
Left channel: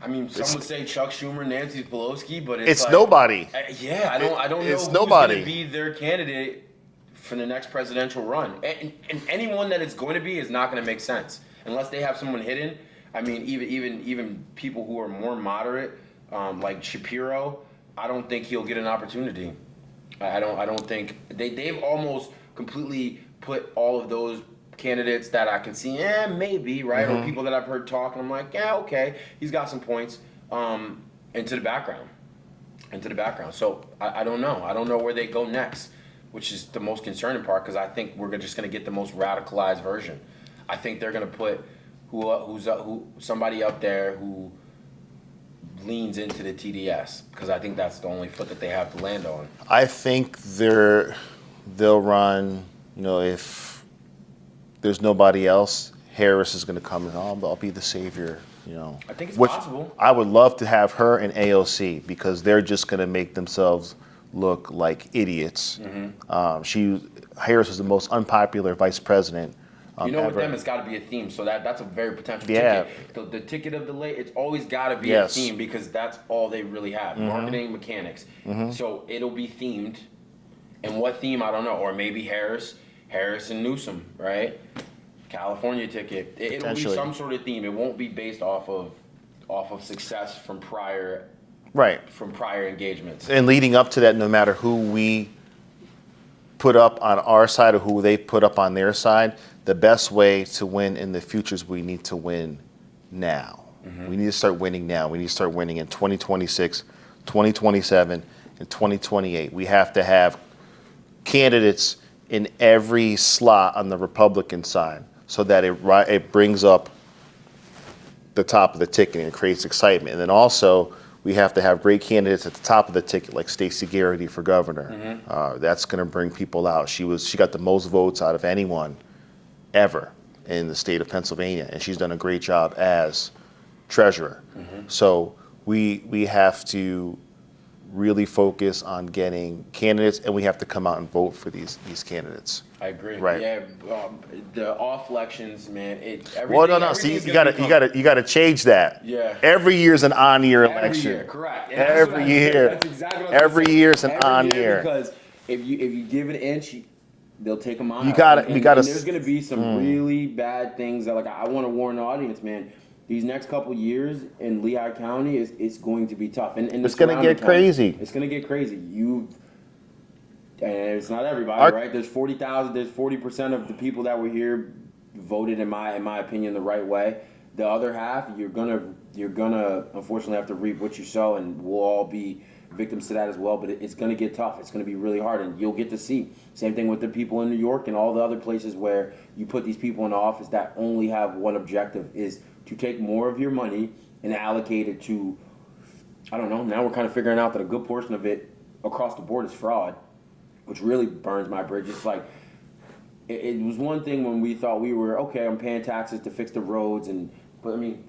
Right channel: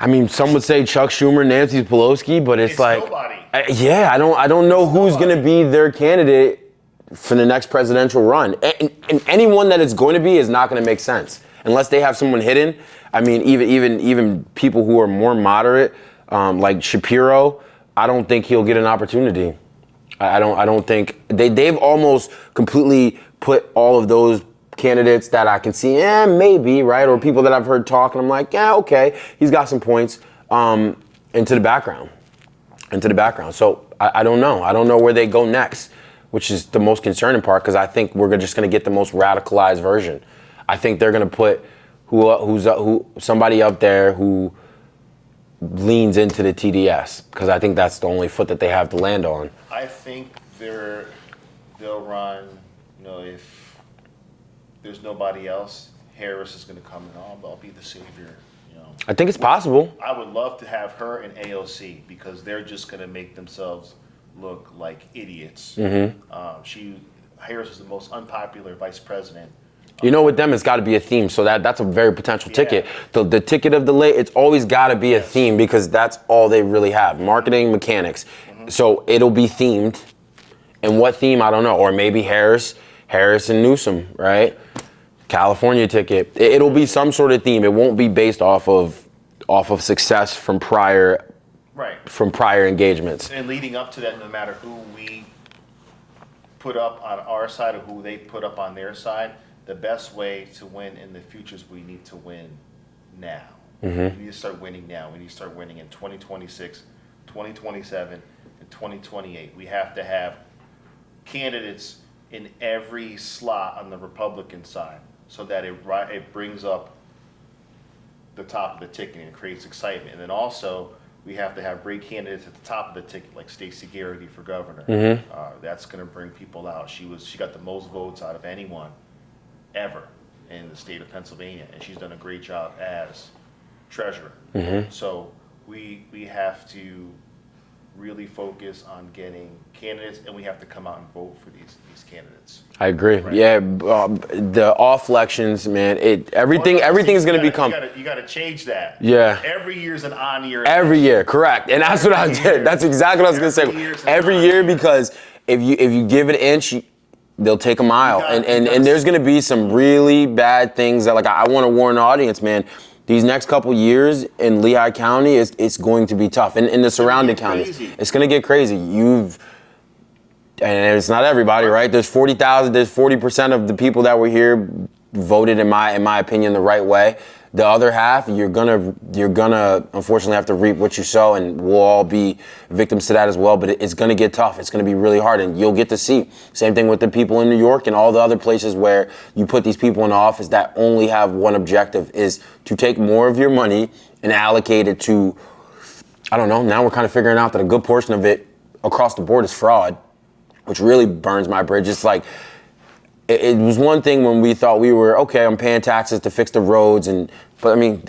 I mean, some would say Chuck Schumer, Nancy Pelosi, but it's like nobody. I don't know who's going to be their candidate for the next presidential run. And anyone that it's going to be is not going to make sense unless they have someone hidden. I mean, even people who are more moderate, like Shapiro, I don't think he'll get an opportunity. I don't think they've almost completely put all of those candidates that I can see, maybe, right? Or people that I've heard talk, and I'm like, okay, he's got some points, into the background. So I don't know. I don't know where they go next, which is the most concerning part, because I think we're just going to get the most radicalized version. I think they're going to put somebody up there who leans into the TDS, because I think that's the only foot that they have to land on. I think they'll run, if there's nobody else, Harris is going to come in. I'll be the savior, I think it's possible. I would love to have her and AOC, because they're just going to make themselves look like idiots. Harris was the most unpopular vice president You know, with them, it's got to be a theme. So that's a very potential ticket. The ticket of the late, it's always got to be a theme because that's all they really have. Marketing, mechanics. So it'll be themed. And what theme, I don't know. Or maybe Harris and Newsom, right? California ticket. It'll be some sort of theme. It won't be based off of success from prior engagements. And leading up to that, no matter who we put up on our side or who they put up on their side, the best way to win in the future is we need to win now. We need to start winning now. We need to start winning in 2026, 2027, and 2028. We have to have candidates in every slot on the Republican side so that it brings up the top of the ticket and creates excitement. And then also, we have to have great candidates at the top of the ticket, like Stacey Garrity for governor. That's going to bring people out. She got the most votes out of anyone ever in the state of Pennsylvania, and she's done a great job as treasurer. So we have to really focus on getting candidates, and we have to come out and vote for these candidates. I agree. Right? Yeah, the off elections, man. Everything's going to become. You got to change that. Yeah. Every year's an on-year election. Every year, correct. And that's what I did. That's exactly what I was going to say. Every year, because if you give it an inch, they'll take a mile. And there's going to be some really bad things that, like, I want to warn the audience, man. These next couple years in Lehigh County, it's going to be tough. And in the surrounding counties, it's going to get crazy. And it's not everybody, right? There's 40,000. There's 40% of the people that were here voted, in my opinion, the right way. The other half, you're gonna unfortunately have to reap what you sow, and we'll all be victims to that as well. But it's gonna get tough. It's gonna be really hard, and you'll get to see. Same thing with the people in New York and all the other places where you put these people in office that only have one objective, is to take more of your money and allocate it to, I don't know. Now we're kind of figuring out that a good portion of it across the board is fraud, which really burns my bridge. It's like, it was one thing when we thought we were, okay, I'm paying taxes to fix the roads, but I mean,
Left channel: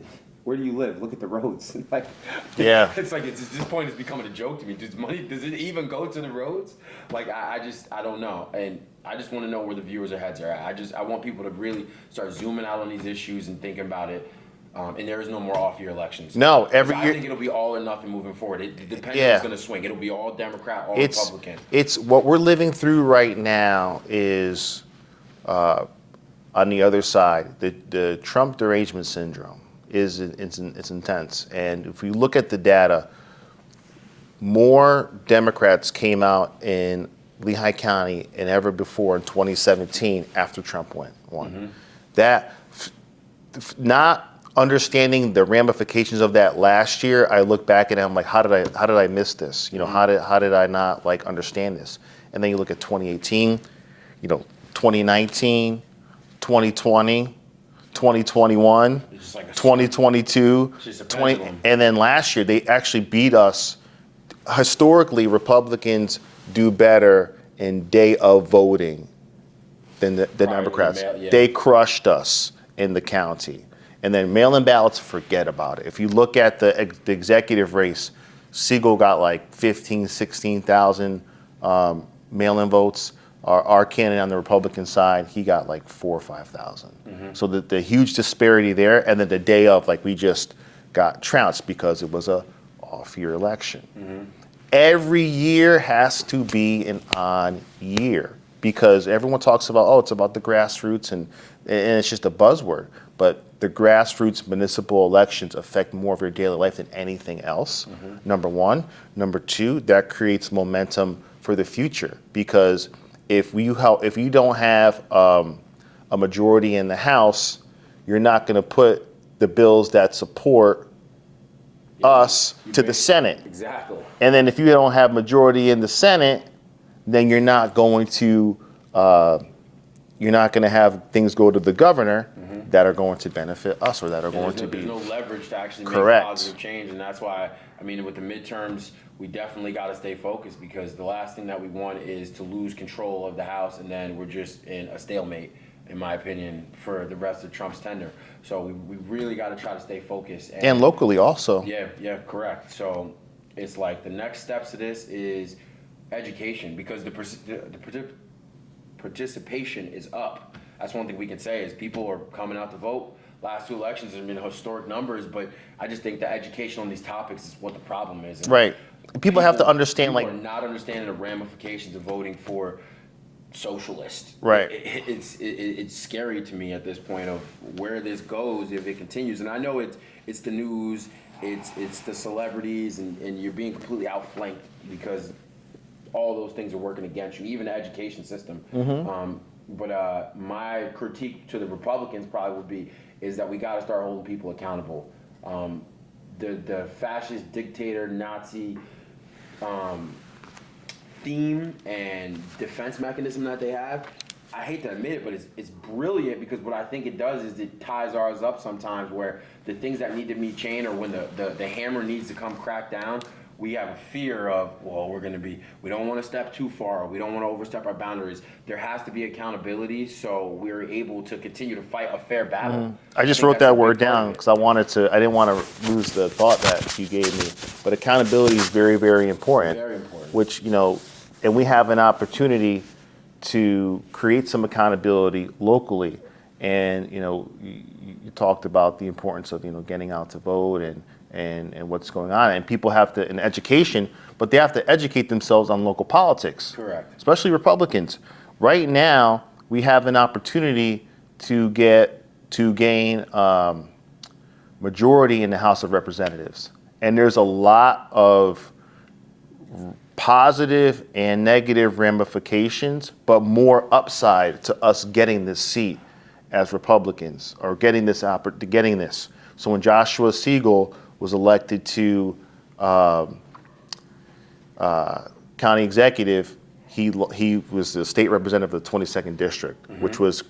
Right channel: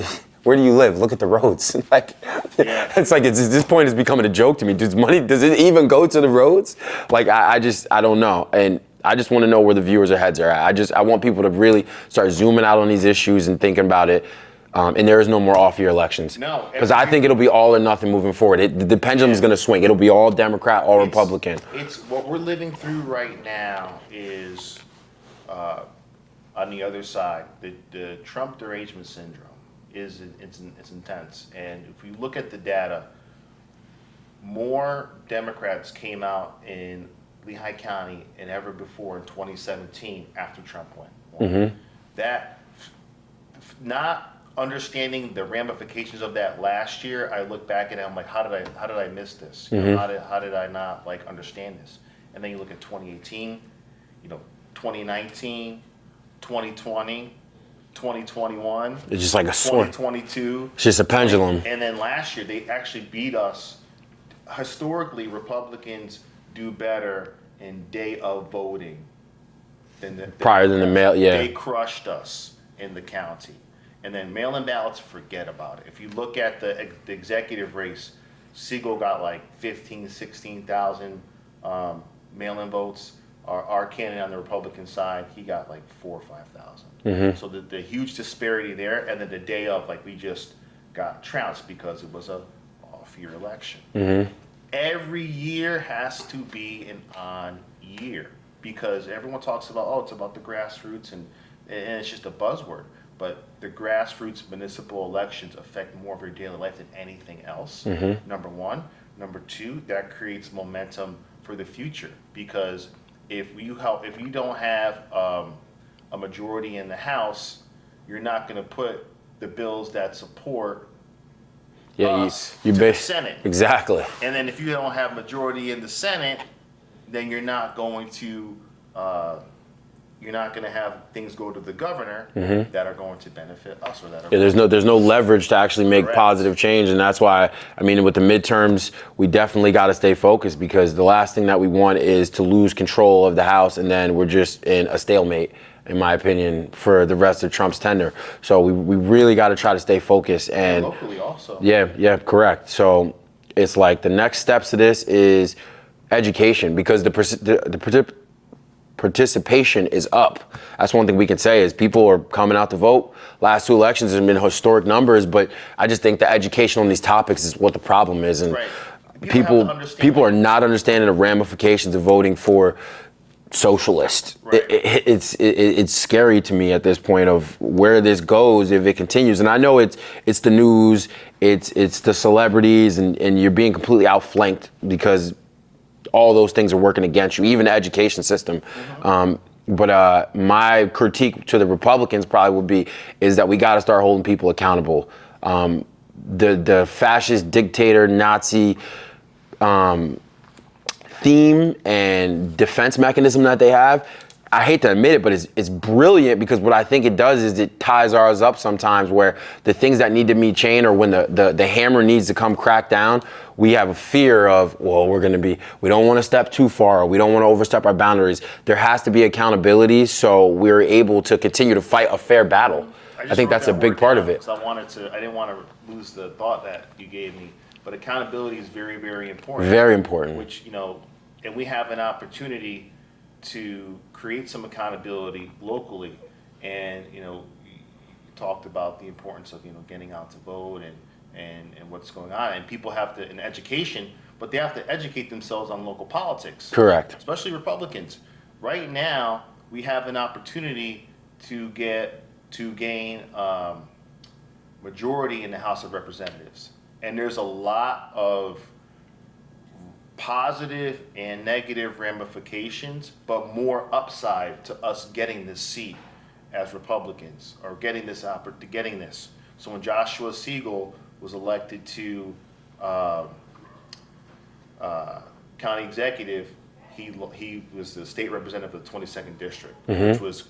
where do you live? Look at the roads. It's like, this point is becoming a joke to me. Does it even go to the roads? Like, I don't know. And I just want to know where the viewers' heads are at. I want people to really start zooming out on these issues and thinking about it. And there is no more off-year elections. No. Because I think it'll be all or nothing moving forward. The pendulum is going to swing. It'll be all Democrat, all Republican. It's what we're living through right now is... on the other side, the Trump derangement syndrome it's intense. And if we look at the data, more Democrats came out in Lehigh County than ever before in 2017 after Trump won. That, not understanding the ramifications of that last year, I look back at it, I'm like, how did I miss this? You know, how did I not understand this? And then you look at 2018, 2019, 2020, 2021. It's just like a 2022. It's just a pendulum. And then last year, they actually beat us. Historically, Republicans do better in day of voting than the prior Democrats. Than the mail. Yeah. They crushed us in the county. And then mail-in ballots, forget about it. If you look at the executive race, Siegel got like 15,000, 16,000 mail-in votes. Our candidate on the Republican side, he got like 4,000 or 5,000. So the huge disparity there, and then the day of, like, we just got trounced because it was a off-year election. Every year has to be an on year because everyone talks about, it's about the grassroots, and it's just a buzzword. But the grassroots municipal elections affect more of your daily life than anything else. Number one. Number two, that creates momentum for the future because if you don't have a majority in the House, you're not going to put the bills that support us to the Senate. Exactly. And then if you don't have majority in the Senate, then you're not going to have things go to the governor that are going to benefit us or that are going to there's no leverage to actually make positive change, and that's why, I mean, with the midterms, we definitely got to stay focused because the last thing that we want is to lose control of the House and then we're just in a stalemate, in my opinion, for the rest of Trump's tenure. So we really got to try to stay focused. And locally also. Yeah, correct. So it's like the next steps to this is education because the participation is up. That's one thing we can say is people are coming out to vote. Last 2 elections have been historic numbers, but I just think the education on these topics is what the problem is. And right. People have to understand. People are not understanding the ramifications of voting for socialist. Right. It's scary to me at this point of where this goes if it continues. And I know it's the news, it's the celebrities, and you're being completely outflanked because all those things are working against you, even the education system. But my critique to the Republicans probably would be is that we got to start holding people accountable. The fascist, dictator, Nazi theme and defense mechanism that they have, I hate to admit it, but it's brilliant because what I think it does is it ties ours up sometimes where the things that need to be changed or when the hammer needs to come crack down, we have a fear of, well, we don't want to step too far, we don't want to overstep our boundaries. There has to be accountability so we're able to continue to fight a fair battle. I just wrote that word down because I didn't want to lose the thought that you gave me. But accountability is very, very important. Very important. Which, and we have an opportunity to create some accountability locally. And, you talked about the importance of, getting out to vote and what's going on. And people have to, in education, but they have to educate themselves on local politics. Correct. Especially Republicans. Right now, we have an opportunity to gain majority in the House of Representatives. And there's a lot of positive and negative ramifications, but more upside to us getting this seat as Republicans or getting this. So when Joshua Siegel was elected to county executive, he was the state representative of the 22nd district, which was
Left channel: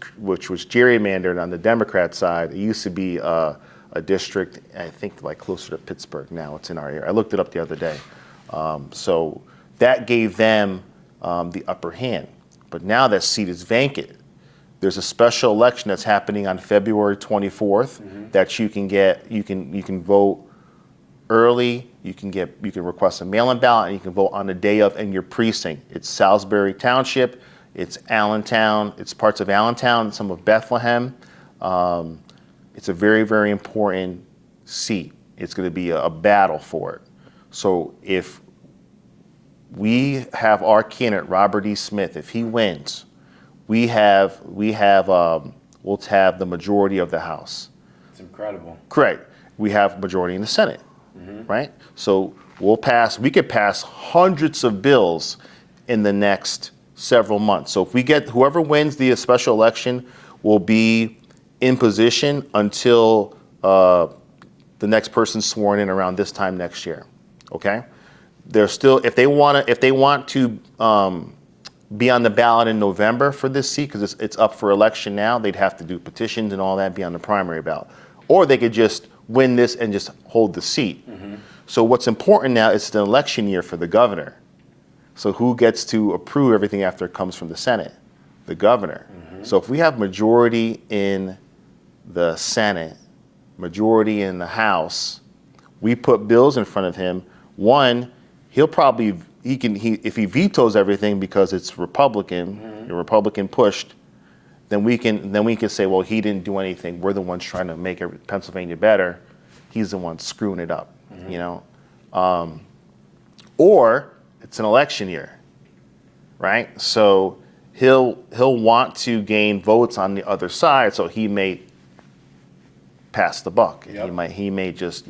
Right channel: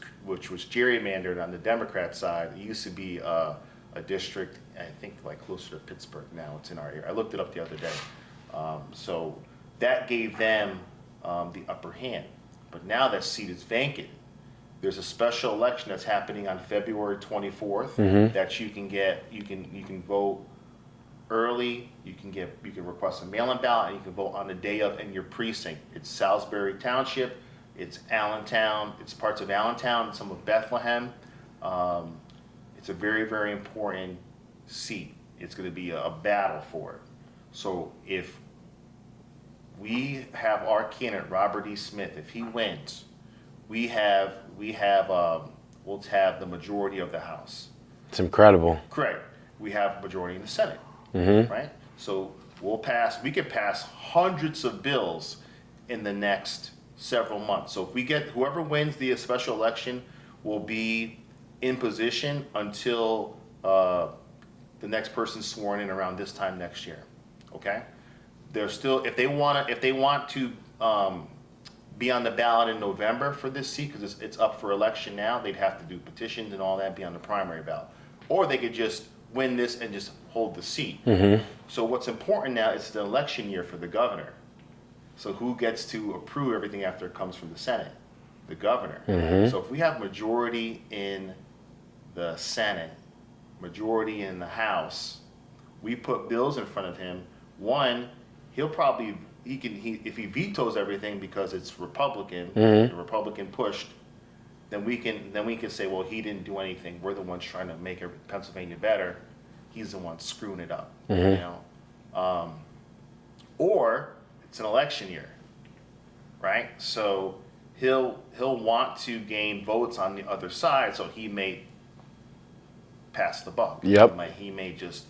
gerrymandered on the Democrat side. It used to be a district, I think, like closer to Pittsburgh. Now it's in our area. I looked it up the other day. So that gave them the upper hand. But now that seat is vacant. There's a special election that's happening on February 24th that you can vote early. You can request a mail-in ballot, and you can vote on the day of in your precinct. It's Salisbury Township, it's Allentown, it's parts of Allentown, some of Bethlehem. It's a very, very important seat. It's going to be a battle for it. So if we have our candidate Robert E. Smith, if he wins, we'll have the majority of the House. It's incredible. Correct. We have majority in the Senate. Right? So we could pass hundreds of bills in the next several months. So if we get whoever wins the special election will be in position until the next person's sworn in around this time next year. Okay? They're still, if they want to be on the ballot in November for this seat, because it's up for election now, they'd have to do petitions and all that, be on the primary ballot. Or they could just win this and just hold the seat. So what's important now is the election year for the governor. So who gets to approve everything after it comes from the Senate? The governor. So if we have majority in the Senate, majority in the House, we put bills in front of him. One, if he vetoes everything because it's Republican, Republican pushed, then we can say, well, he didn't do anything. We're the ones trying to make Pennsylvania better. He's the one screwing it up, or it's an election year, right? So he'll want to gain votes on the other side, so he may pass the buck. Yep. He may just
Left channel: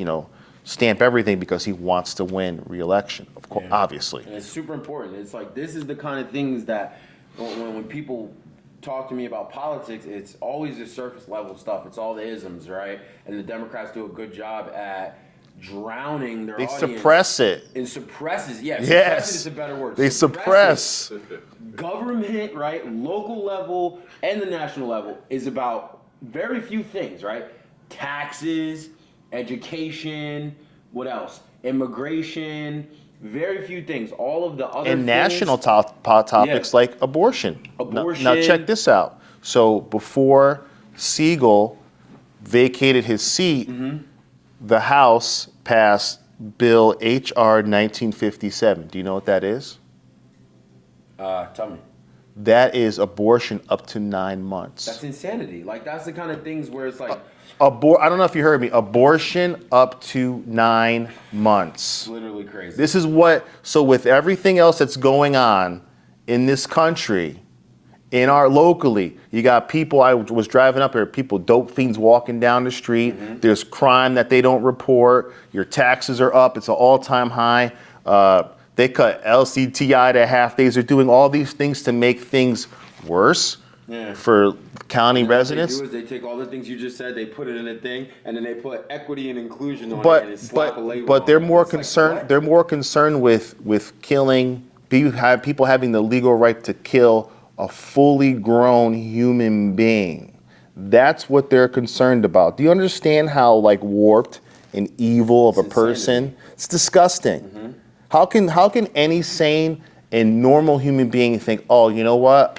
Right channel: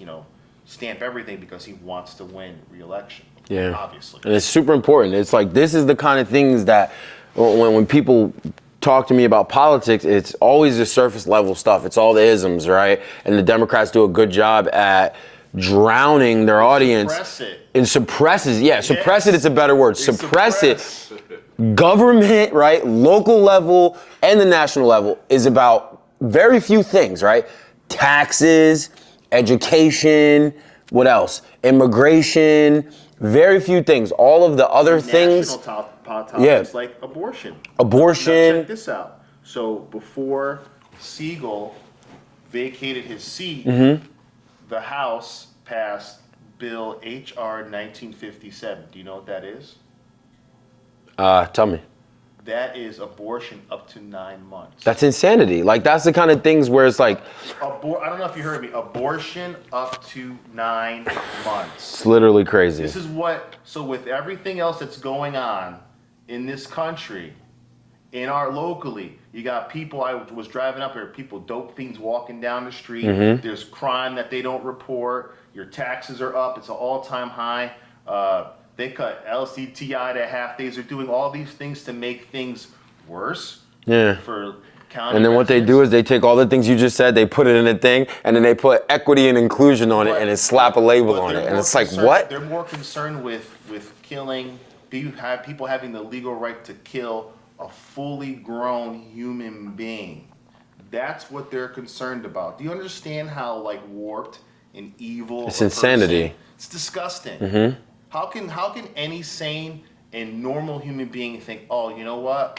stamp everything because he wants to win re-election, obviously. And it's super important. It's like this is the kind of things that when people talk to me about politics, it's always the surface level stuff. It's all the isms, right? And the Democrats do a good job at drowning their audience. Suppress it. And suppresses, suppress it is a better word. Suppress it. Government, right? Local level and the national level is about very few things, right? Taxes, education, what else? Immigration, very few things. All of the other things. National topics like abortion. Now check this out. So before Siegel vacated his seat, the House passed Bill H.R. 1957. Do you know what that is? Tell me. that is abortion up to 9 months. That's insanity. Like, that's the kind of things where it's like... I don't know if you heard me. Abortion up to 9 months. It's literally crazy. This is what... So with everything else that's going on in this country, locally, you got people, I was driving up here, people, dope fiends walking down the street. There's crime that they don't report. Your taxes are up. It's an all-time high. They cut LCTI to half days. They're doing all these things to make things worse for county residents. And then what they do is they take all the things you just said, they put it in a thing, and then they put equity and inclusion on it, and then slap a label on it. But they're more concerned with killing, people having the legal right to kill a fully grown human being. That's what they're concerned about. Do you understand how warped and evil of a person? Insanity. It's disgusting. How can any sane and normal human being think, oh, you know what?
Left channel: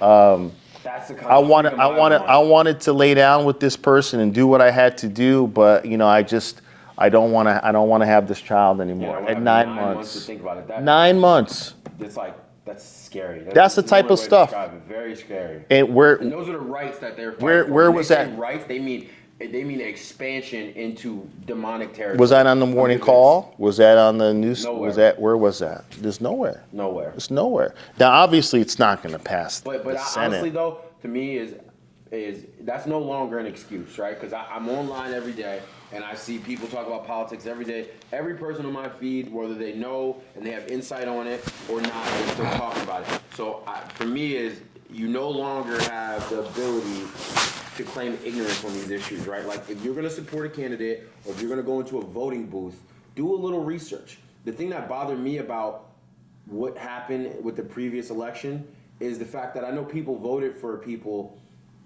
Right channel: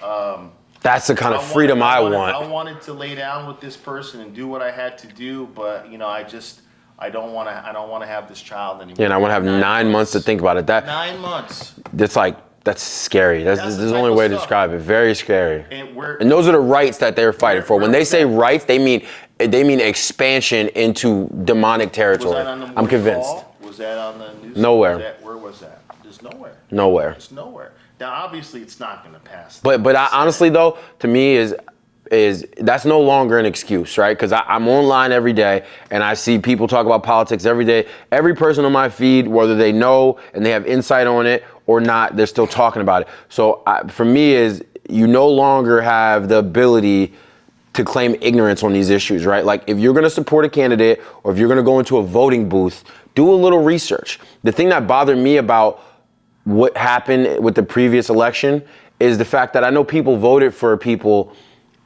That's the kind of freedom I want. I wanted to lay down with this person and do what I had to do, but I don't want to have this child anymore. Yeah, and I want to have 9 months to think about it. 9 months. That's scary. That's the type only of way to stuff. describe it. Very scary. And those are the rights that they're fighting for. When they say that? rights, they mean expansion into demonic territory. Was that on the morning call? Was that on the news? Nowhere. Where was that? There's nowhere. Nowhere. It's nowhere. Now, obviously, it's not going to pass. But honestly, though, to me is that's no longer an excuse, right? Because I'm online every day and I see people talk about politics every day. Every person on my feed, whether they know and they have insight on it or not, they're still talking about it. So for me is you no longer have the ability to claim ignorance on these issues, right? Like if you're gonna support a candidate or if you're gonna go into a voting booth, do a little research. The thing that bothered me about what happened with the previous election is the fact that I know people voted for people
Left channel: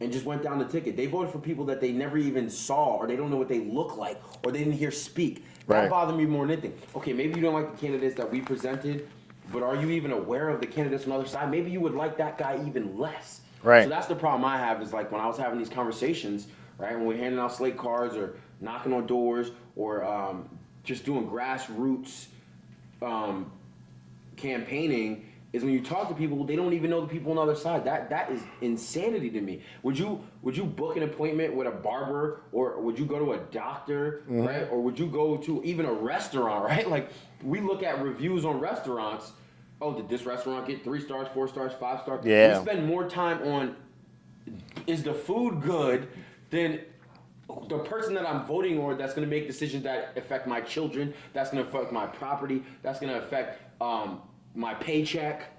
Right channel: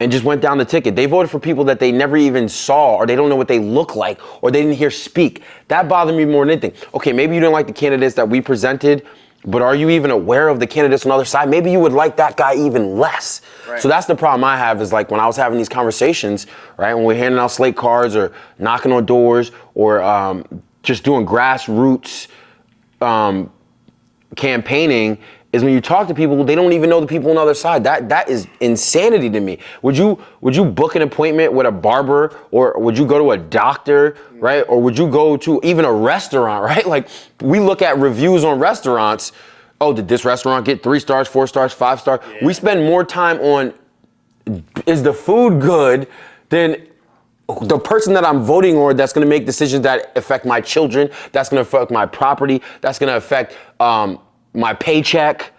and just went down the ticket. They voted for people that they never even saw, or they don't know what they look like, or they didn't hear speak. That bothered me more than anything. Okay, maybe you didn't like the candidates that we presented, but are you even aware of the candidates on the other side? Maybe you would like that guy even less. Right. So that's the problem I have is like when I was having these conversations, right, when we're handing out slate cards or knocking on doors or just doing grassroots campaigning, is when you talk to people, they don't even know the people on the other side. That is insanity to me. Would you book an appointment with a barber, or would you go to a doctor, right? Or would you go to even a restaurant, right? Like we look at reviews on restaurants. Oh, did this restaurant get 3 stars, 4 stars, 5 stars? Yeah. We spend more time on is the food good than the person that I'm voting on that's going to make decisions that affect my children, that's going to affect my property, that's going to affect my paycheck,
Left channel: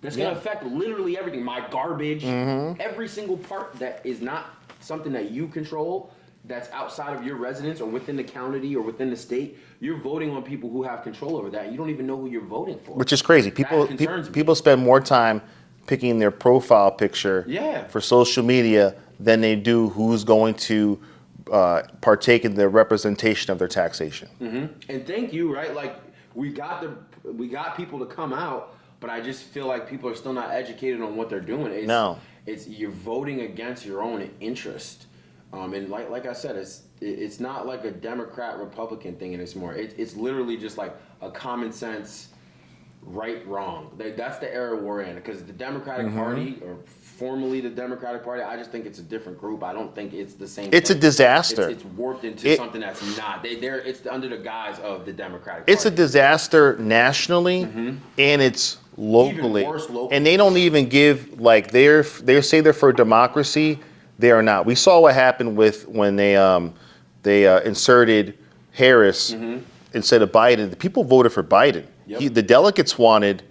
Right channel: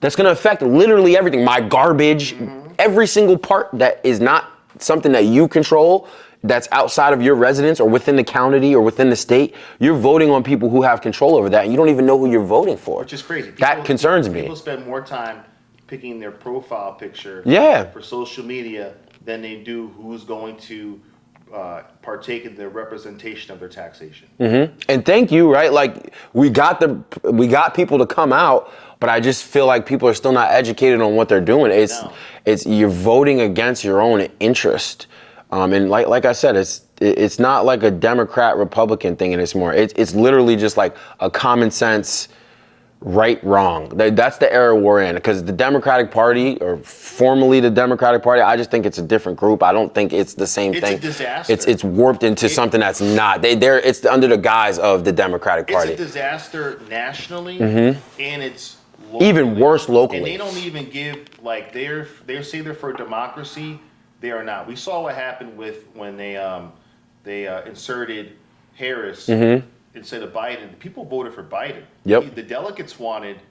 that's going to affect literally everything, my garbage, every single part that is not something that you control, that's outside of your residence or within the county or within the state. You're voting on people who have control over that, and you don't even know who you're voting for. Which is crazy. That concerns me. People spend more time picking their profile picture for social media than they do who's going to partake in the representation of their taxation. And thank you, right? Like we got people to come out, but I just feel like people are still not educated on what they're doing. It's you're voting against your own interest. And like I said, it's not like a Democrat Republican thing anymore. It's literally just like a common sense right, wrong. That's the era we're in, because the Democratic Party, or formerly the Democratic Party, I just think it's a different group. I don't think it's the same thing. It's a disaster. It's warped into something that's not. It's under the guise of the Democratic Party. It's a disaster nationally, and it's locally. Even worse locally. And they don't even give, like, they say they're for democracy. They are not. We saw what happened when they inserted Harris instead of Biden. The people voted for Biden. Yep. The delegates wanted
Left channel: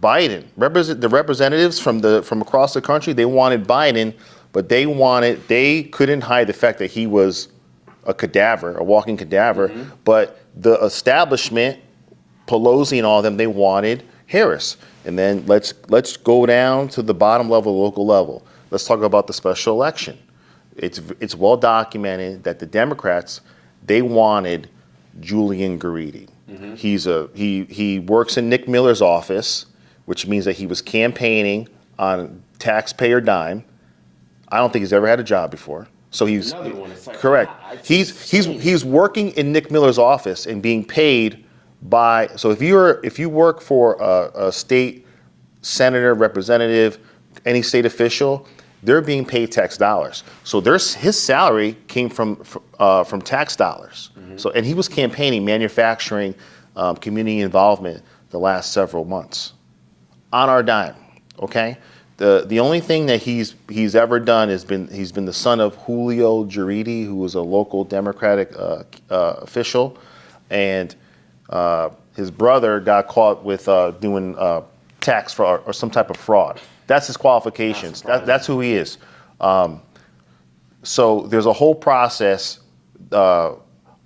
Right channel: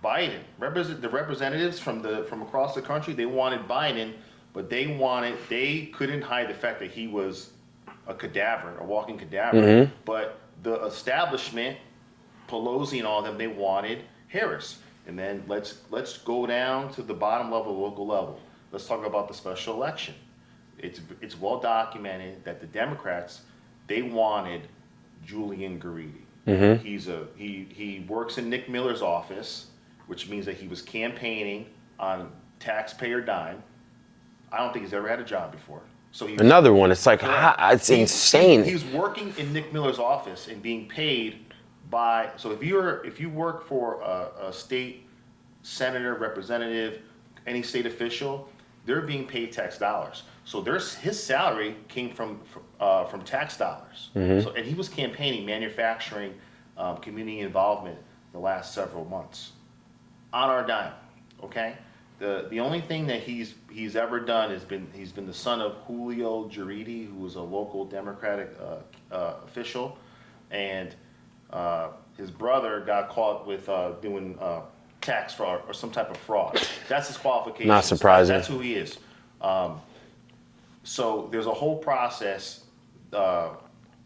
Biden. The representatives from across the country, they wanted Biden, but they couldn't hide the fact that he was a cadaver, a walking cadaver. But the establishment, Pelosi and all of them, they wanted Harris. And then let's go down to the bottom level, local level. Let's talk about the special election. It's well documented that the Democrats, they wanted Julian Garidi. He works in Nick Miller's office, which means that he was campaigning on taxpayer dime. I don't think he's ever had a job before. So he's another one. It's like correct. It's insane. He's working in Nick Miller's office and being paid by. So if you work for a state senator, representative, any state official, they're being paid tax dollars. So his salary came from tax dollars. So, and he was campaigning, manufacturing, community involvement the last several months on our dime. Okay, the only thing that he's ever done is he's been the son of Julio Rivera, who was a local Democratic official, and his brother got caught with doing tax fraud or some type of fraud. That's his qualifications. Not surprising. That's who he is. So there's a whole process,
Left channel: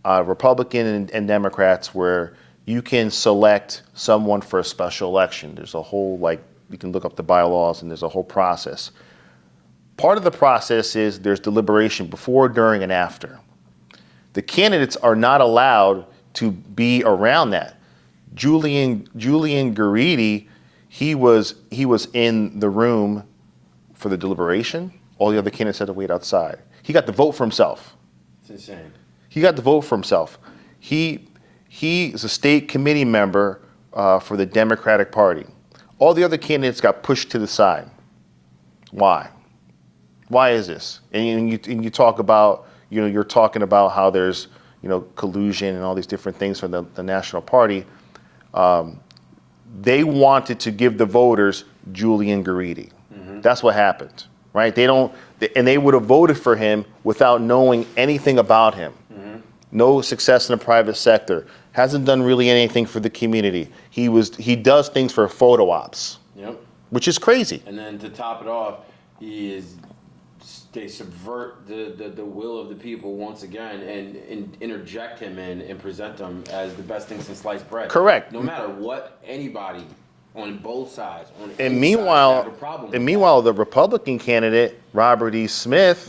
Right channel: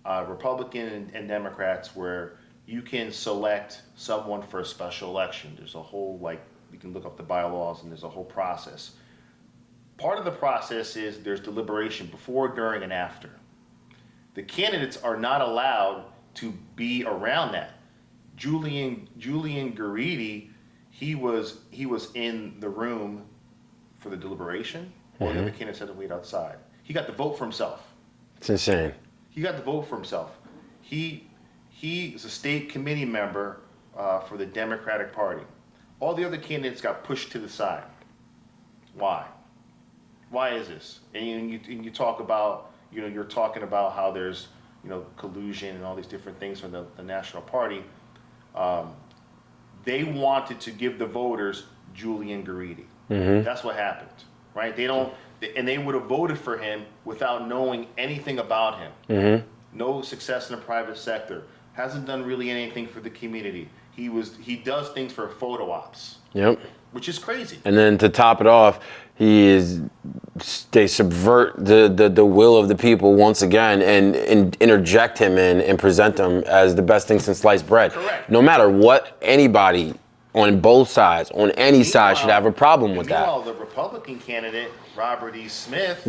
Republican and Democrats, where you can select someone for a special election. There's a whole, like, you can look up the bylaws, and there's a whole process. Part of the process is there's deliberation before, during, and after. The candidates are not allowed to be around that. Julian Garidi, he was in the room for the deliberation. All the other candidates had to wait outside. He got to vote for himself. It's insane. He got to vote for himself. He is a state committee member for the Democratic Party. All the other candidates got pushed to the side. Why? Why is this? And you talk about, you're talking about how there's, collusion and all these different things from the National Party. They wanted to give the voters Julian Garidi. That's what happened, right? They would have voted for him without knowing anything about him. No success in the private sector. Hasn't done really anything for the community. He does things for photo ops. Yep. Which is crazy. And then to top it off, they subvert the will of the people once again and interject him in and present him as the best thing since sliced bread. Correct. No matter what anybody on both sides, on any side, should have a problem with and that. Meanwhile, the Republican candidate, Robert E. Smith,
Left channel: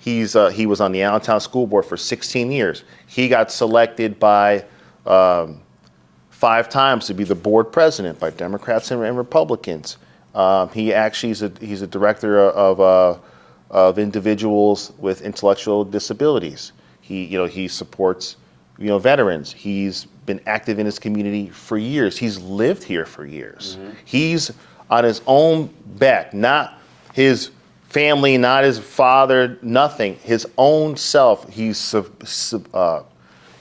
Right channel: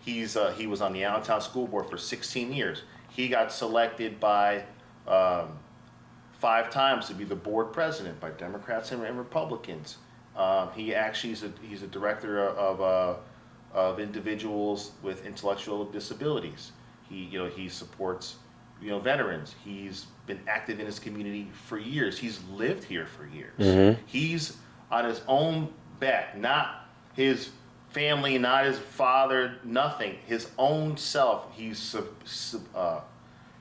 he was on the Allentown School Board for 16 years. He got selected by 5 times to be the board president by Democrats and Republicans. He actually he's a director of individuals with intellectual disabilities. He supports veterans. He's been active in his community for years. He's lived here for years. He's on his own back, not his family, not his father, nothing. His own self. He's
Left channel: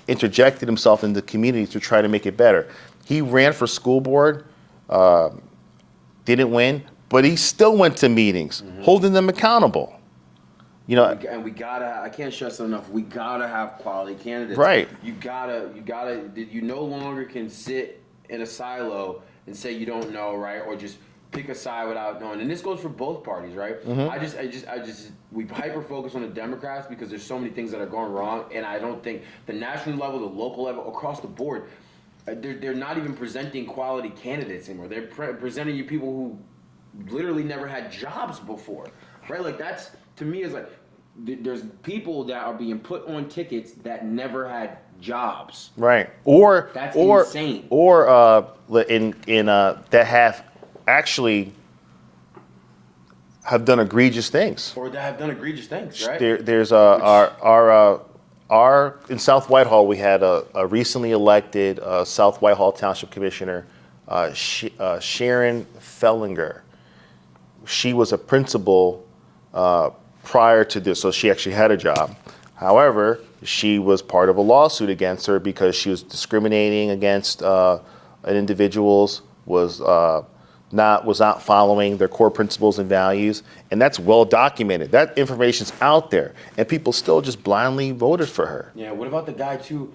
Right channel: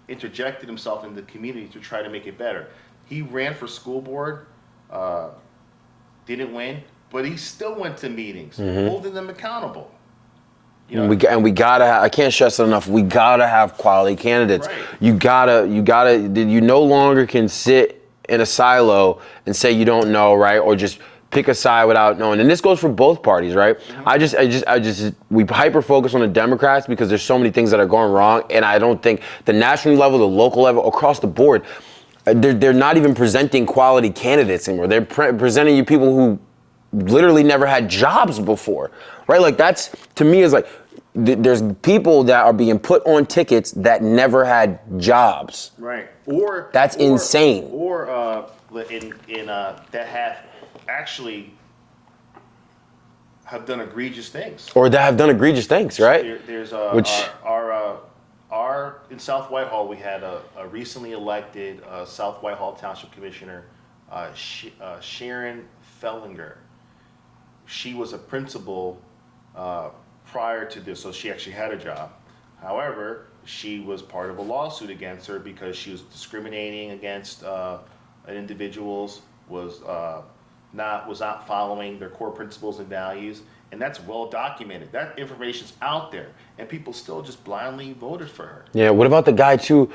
interjected himself into the community to try to make it better. He ran for school board. Didn't win, but he still went to meetings, holding them accountable. And we gotta. I can't stress it enough. We gotta have quality candidates. Right. You no longer can sit in a silo and say you don't know, right, or just pick a side without knowing. And this goes for both parties, right? We hyper focus on the Democrats because there's so many things that are going wrong, and I don't think the national level, the local level, across the board. They're not even presenting quality candidates anymore. They're presenting you people who literally never had jobs before, right? Like that's, to me, is like, there's people that are being put on tickets that never had jobs. Right. That's insane. Or that have actually have done egregious things. Or that have done egregious things, right? There's in South Whitehall, we had a recently elected South Whitehall Township Commissioner, Sharon Fellinger. She was a principal prior to this, so she actually had a job. However, she was part of a lawsuit against her because she was discriminating against individuals, was not following their core principles and values, and that's well documented. That information's out there, and people still just blindly voted for her. Yeah. What about the guy too?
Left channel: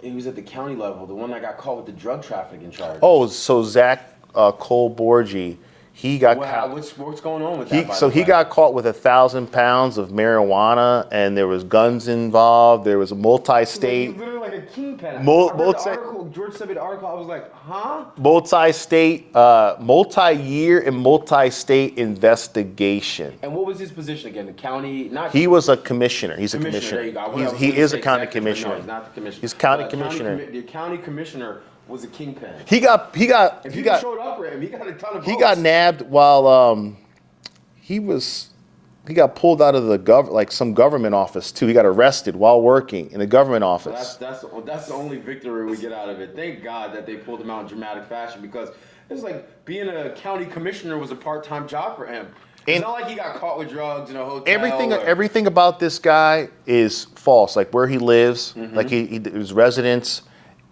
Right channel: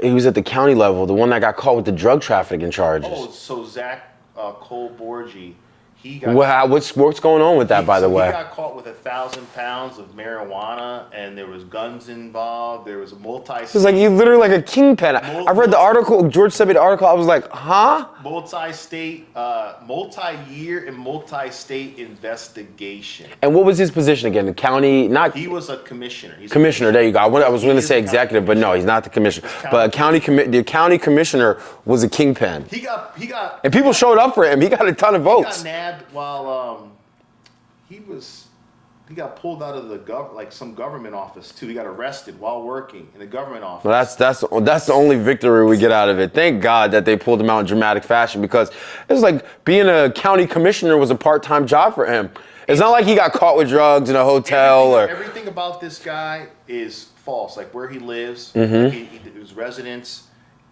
He was at the county level, the one that got caught with the drug trafficking charges. Oh, so Zach Cole-Borgi. He got what's going on with that, by the way? So he got caught with 1,000 pounds of marijuana, and there was guns involved. There was a multi-state. It's like he's literally like a kingpin. I read the article. George sent me the article. I was like, huh? Multi-state, multi-year and multi-state investigation. And what was his position again? The county? He was a commissioner. He's commissioner. There you go. I was going to say executive, but no, he's not the commissioner. But the county commissioner was a kingpin. He got, and people showed up for him. He got a ton of votes. He got nabbed while he was pulled out of the some government office too. He got arrested while working in a government office. Well, that's the only victory we get out of it. Thank God that they pulled him out in dramatic fashion, because it's like being a county commissioner was a part-time job for him. It's not like he got caught with drugs in a hotel. Everything about this guy is false. Like where he lives, like his residence,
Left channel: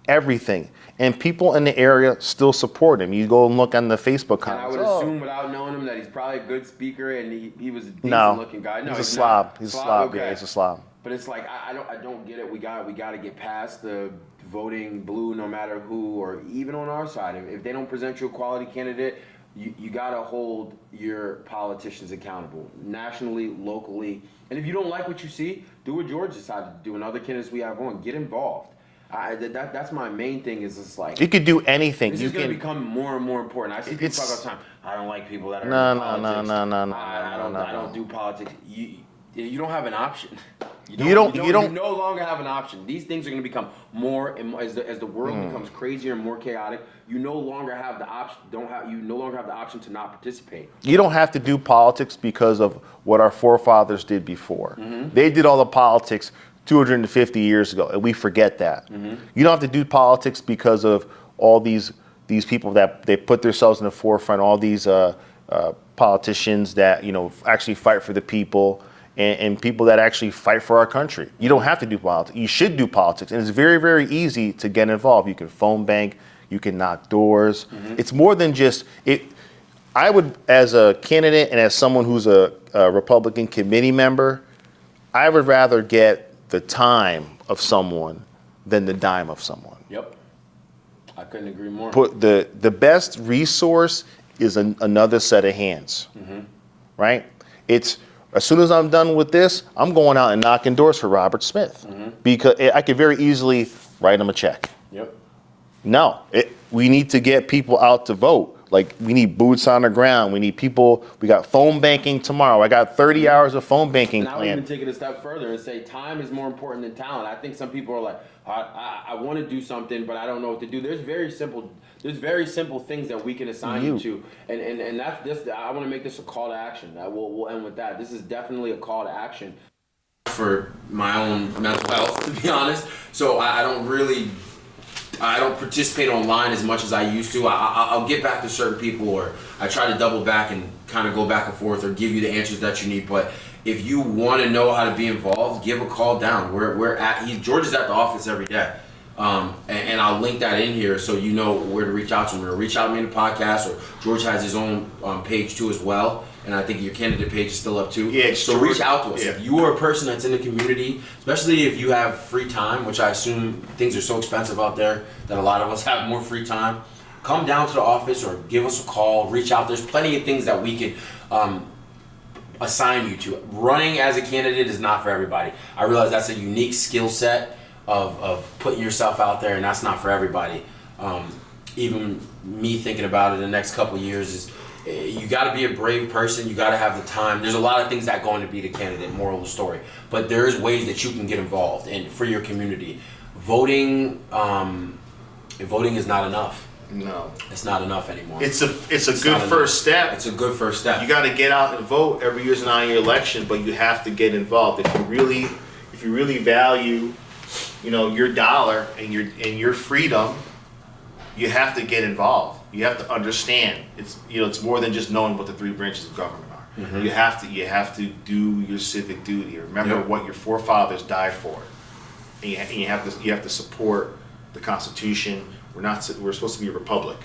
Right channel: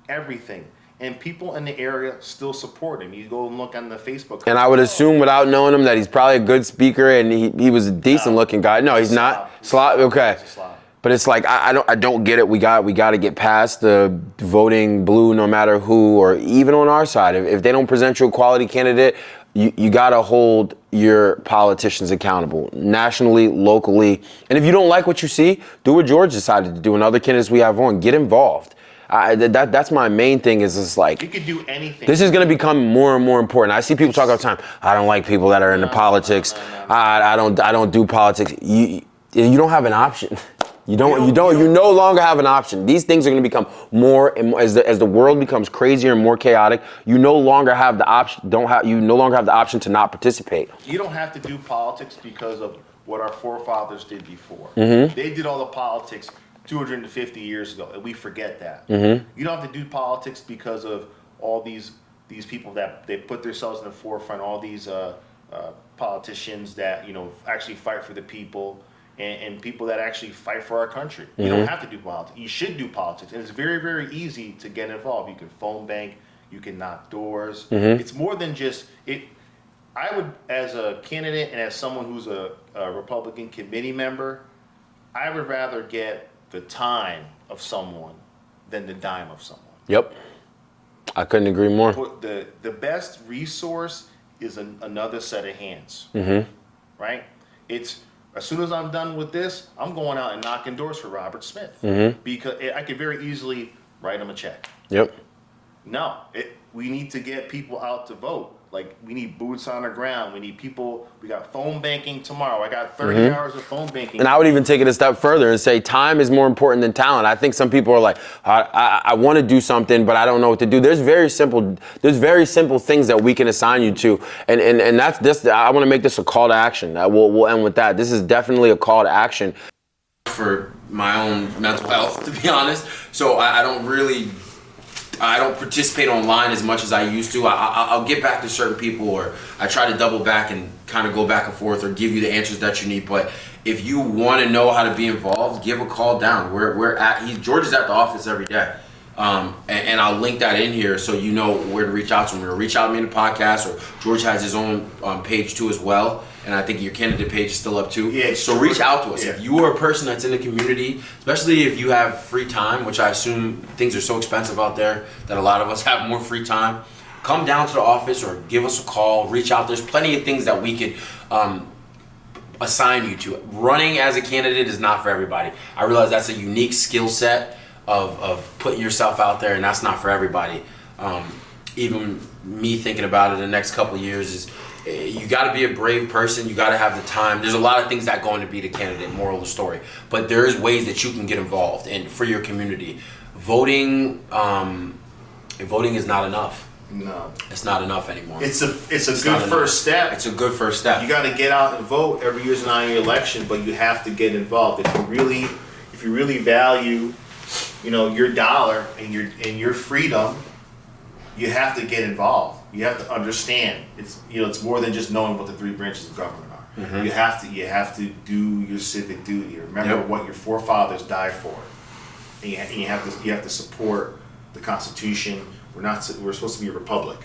everything. And people in the area still support him. You go and look on the Facebook comments. And I would assume, without knowing him, that he's probably a good speaker and he was a decent-looking guy. No, he's not. He's a slob. Okay. He's a slob. But it's like I don't get it. We got to get past the voting blue, no matter who, or even on our side. If they don't present you a quality candidate, you got to hold your politicians accountable, nationally, locally. And if you don't like what you see, do what George decided to do and other candidates we have on. Get involved. That's my main thing. Is just like you could do anything. This is going to become more and more important. I see people talk all the time. I don't like people that are into politics. I don't do politics. You don't have an option. You no longer have an option. These things are going to become more and more as the world becomes crazier and more chaotic. You no longer have the option. You no longer have the option to not participate. You don't have to do politics because of what our forefathers did before. They did all the politics 250 years ago, and we forget that. You don't have to do politics because of all these people that they put themselves in the forefront. All these politicians that actually fight for the people. And people that actually fight for our country. You don't have to do politics. You should do politics. And it's very, very easy to get involved. You can phone bank. You can knock doors. It's more than just it. I would, as a candidate and as someone who's a Republican committee member, I would rather get the time of someone than the dime of someone. Yep. I couldn't agree more. The best resource is another set of hands. Right? It's... As soon as I'm done with this, I'm going out and knocking doors for Robert Smith because I could very easily write him a check. Yep. No, we need to get people out to vote. Like we need boots on the ground. We need people. We got phone banking tomorrow. I got 30 hours of phone banking. And I would even take it a step further and say time is more important than talent. I think some people are like, I want to do something, but I don't know what to do. There's very simple things that we can assign you to, and that's this. I want to make this a call to action. We'll end with that. This is definitely a call to action for my own mental health, to be honest. So I don't participate online as much as I used to. I'll get back to certain people, or I try to double back and kind of go back and forth or give you the answers that you need. But if you want to know how to be involved, give a call down. George is at the office every day. And I'll link that in here so you know where to reach out to him. Reach out to me in the podcast, or George has his own page too as well. And I think your candidate page is still up too. Yeah, so reach out to us. If you are a person that's in the community, especially if you have free time, which I assume things are so expensive out there that a lot of us have more free time, come down to the office or give us a call, reach out. There's plenty of things that we could assign you to. Running as a candidate is not for everybody. I realize that's a unique skill set of putting yourself out there, and that's not for everybody. Even me thinking about it in the next couple of years is you got to be a brave person. You got to have the time. There's a lot of things that go into being a candidate, moral of the story. But there is ways that you can get involved and for your community. Voting is not enough. No, it's not enough anymore. It's a good first step. It's a good first step. You got to get out and vote. Every year's an annual election, but you have to get involved. If you really value, your dollar and your freedom, you have to get involved. You have to understand it's more than just knowing what the three branches of government are. You have to do your civic duty. Remember what your forefathers died for, and you have to support the Constitution. We're supposed to be a republic.